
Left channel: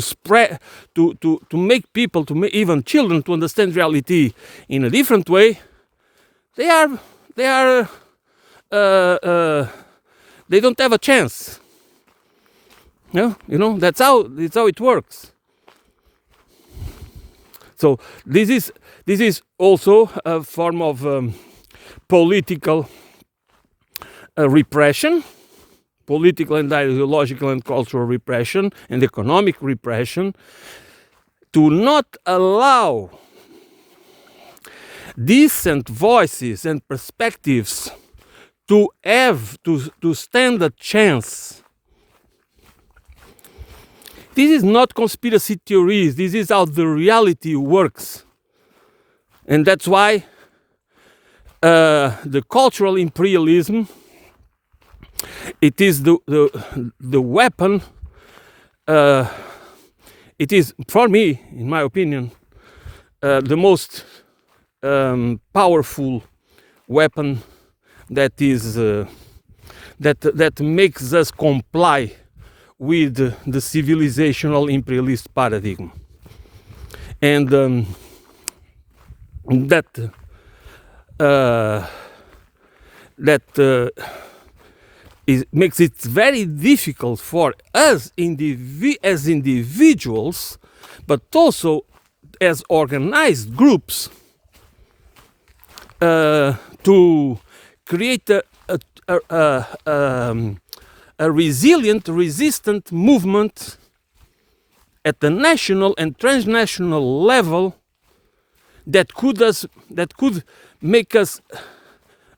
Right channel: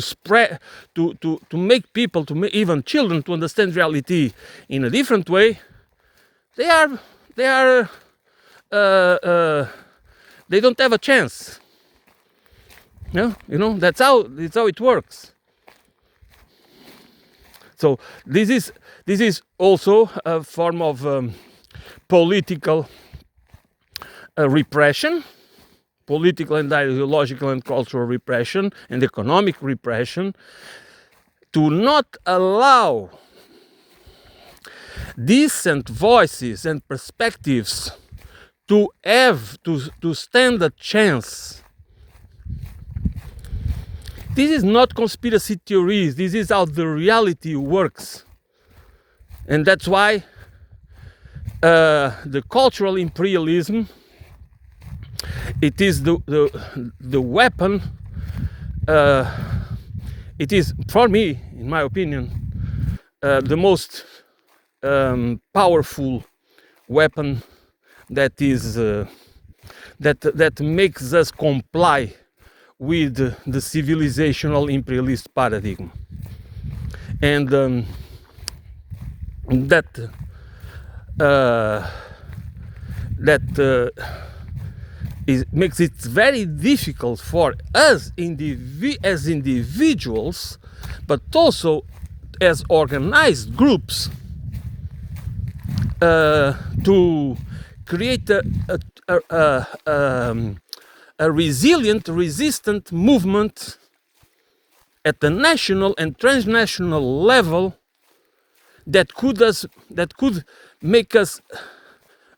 spread, to make people, even children, to understand reality in a different way. They don't have a chance. You know, that's how it works. So this is also a form of political repression, political and ideological and cultural repression and economic repression, to not allow decent voices and perspectives to stand a chance. This is not conspiracy theories. This is how the reality works. And that's why the cultural imperialism, it is the weapon, it is, for me, in my opinion, the most powerful weapon that is that makes us comply with the civilizational imperialist paradigm, and makes it very difficult for us as individuals, but also as organized groups, to create a resilient, resistant movement at the national and transnational level that could make us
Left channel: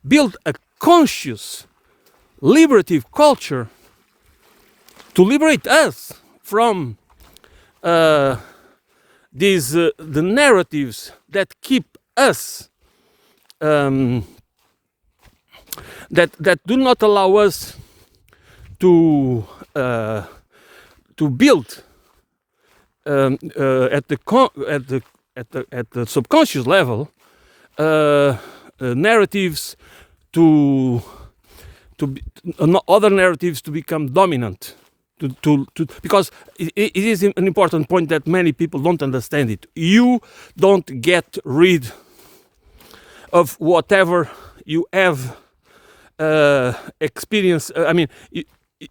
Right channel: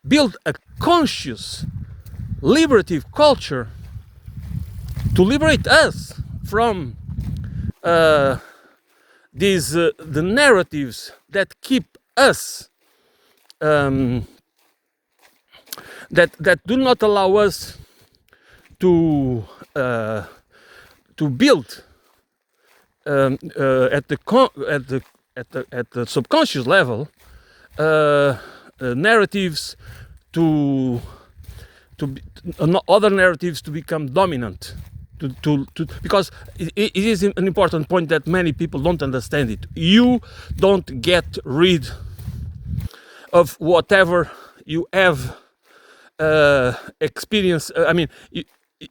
build a conscious, liberative culture to liberate us from the narratives that keep us, that do not allow us to build at the subconscious level narratives other narratives to become dominant, because it is an important point that many people don't understand it. You don't get rid of whatever you have experienced. I mean,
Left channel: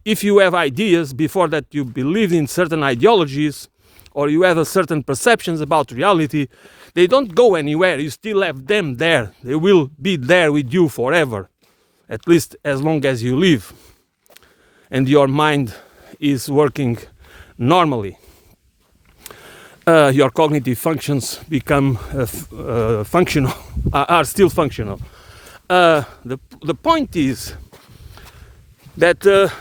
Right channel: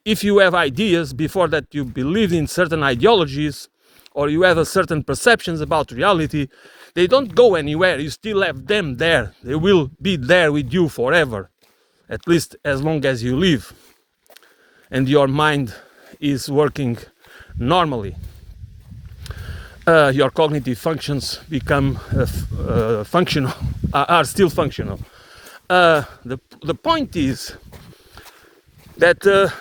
if you have ideas before that, you believe in certain ideologies, or you have a certain perceptions about reality, they don't go anywhere. You still have them there. They will be there with you forever, at least as long as you live and your mind is working normally. Your cognitive functions become functional, are still functional. The point is that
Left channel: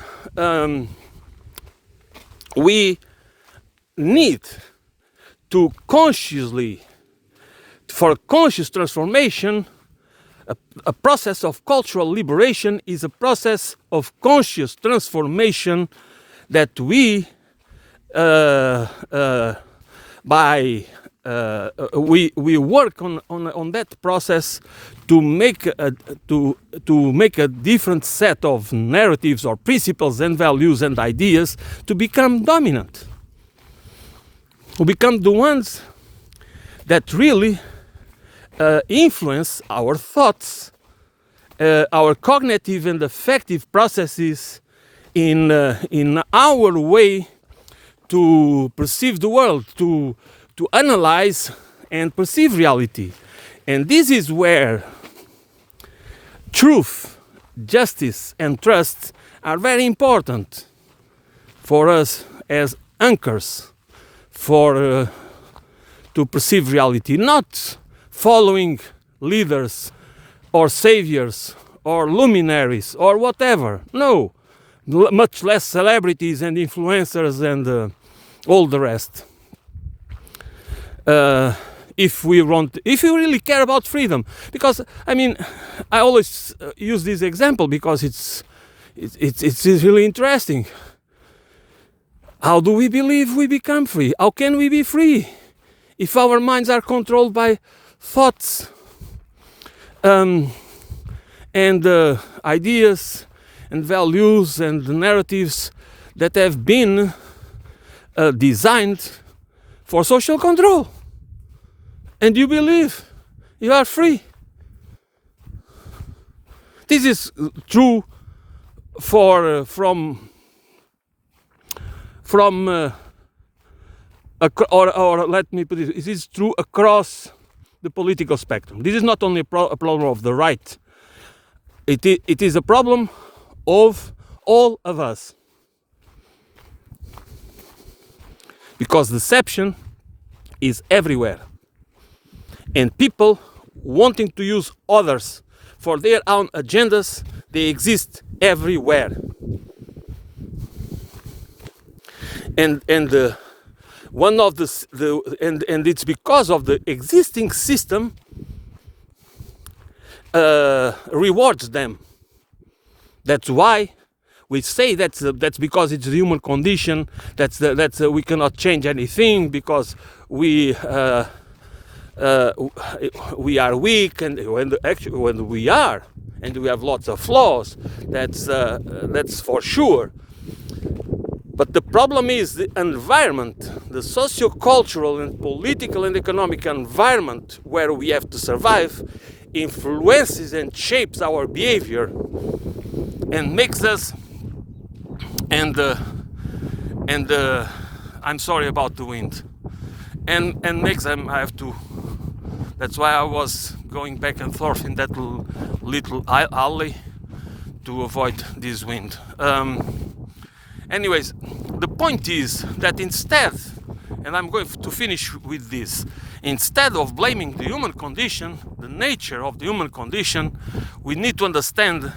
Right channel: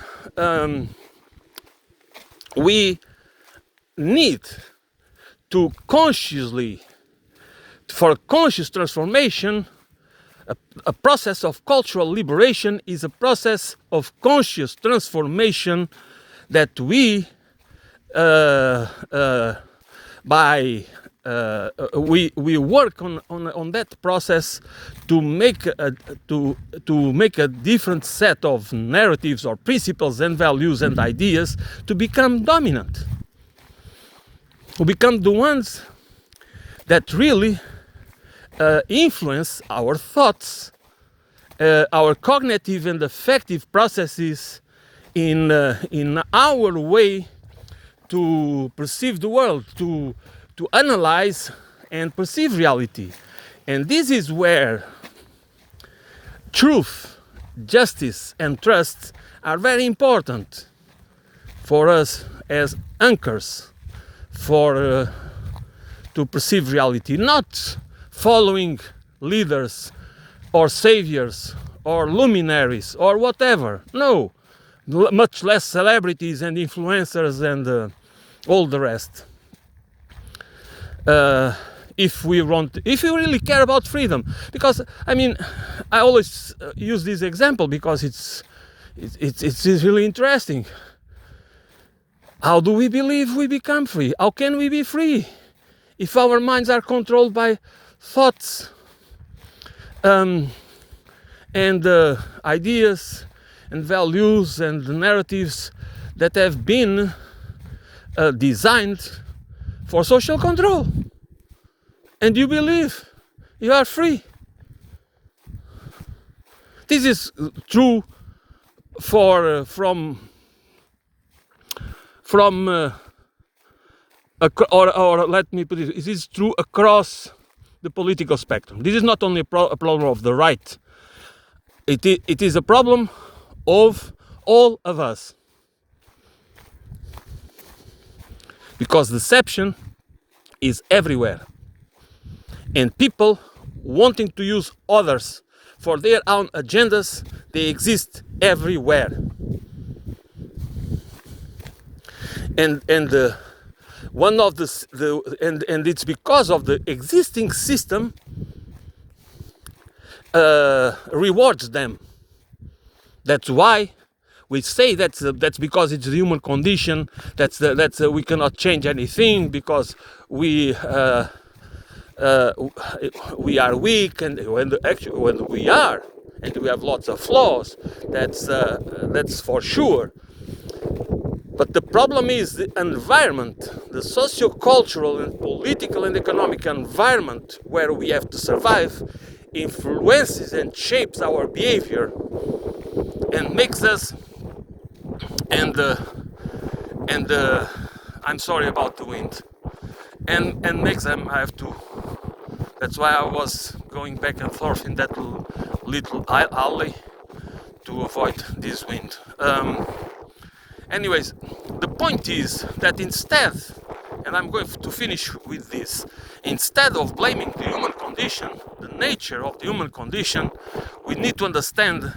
we need to for conscious transformation, a process of cultural liberation is a process of conscious transformation that we work on that process to make a different set of narratives or principles and values and ideas to become dominant, to become the ones that really influence our thoughts, our cognitive and affective processes in our way to perceive the world, to analyze and perceive reality. And this is where truth, justice, and trust are very important for us as anchors to perceive reality, not following leaders or saviors or luminaries or whatever. No, much less celebrities and influencers and all the rest. If we really care about freedom, because I mean, I always use this example because it's really interesting. How do we believe we become free? How can we be free if our minds are controlled by thoughts and ideas and values and narratives that have been designed for social control? And you believe you are free. This is true for from or let me put it is true across the political spectrum. This is not only a problem of the right. It is a problem of all of us, because deception is everywhere, and people wanting to use others for their own agendas, they exist everywhere. And one of and it's because of the existing system rewards them. That's why we say that's because it's the human condition. We cannot change anything because we are weak, and when we are, and we have lots of flaws. That's for sure. But the problem is the environment, the socio-cultural and political and economic environment where we have to survive influences and shapes our behavior and makes us I'm sorry about the wind and makes them have to. That's why I was going back and forth in that little alley to avoid this wind. Anyways, the point is that instead, and I'm going to finish with this, instead of blaming the human condition, the nature of the human condition, we need to understand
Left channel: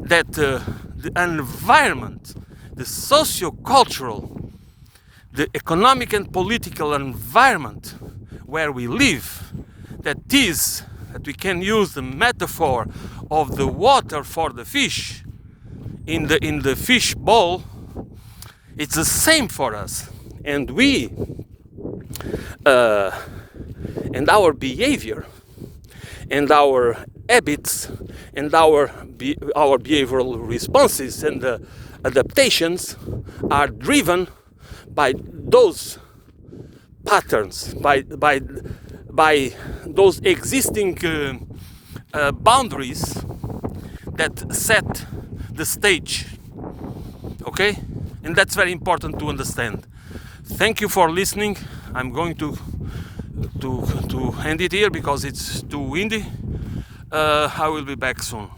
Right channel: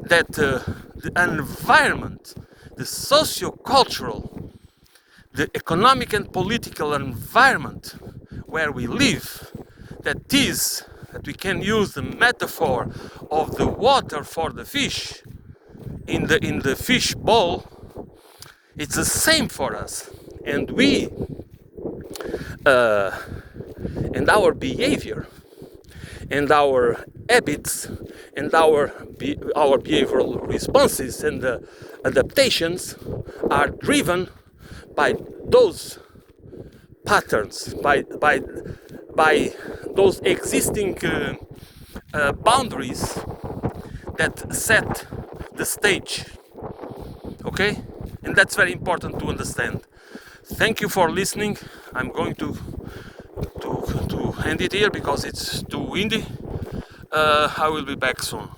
that the environment, the socio-cultural, the economic and political environment where we live, that we can use the metaphor of the water for the fish in the fish bowl. It's the same for us, and we and our behavior and our habits and our behavioral responses and adaptations are driven by those patterns, by those existing boundaries that set the stage. Okay? And that's very important to understand. Thank you for listening. I'm going to end it here because it's too windy. I will be back soon.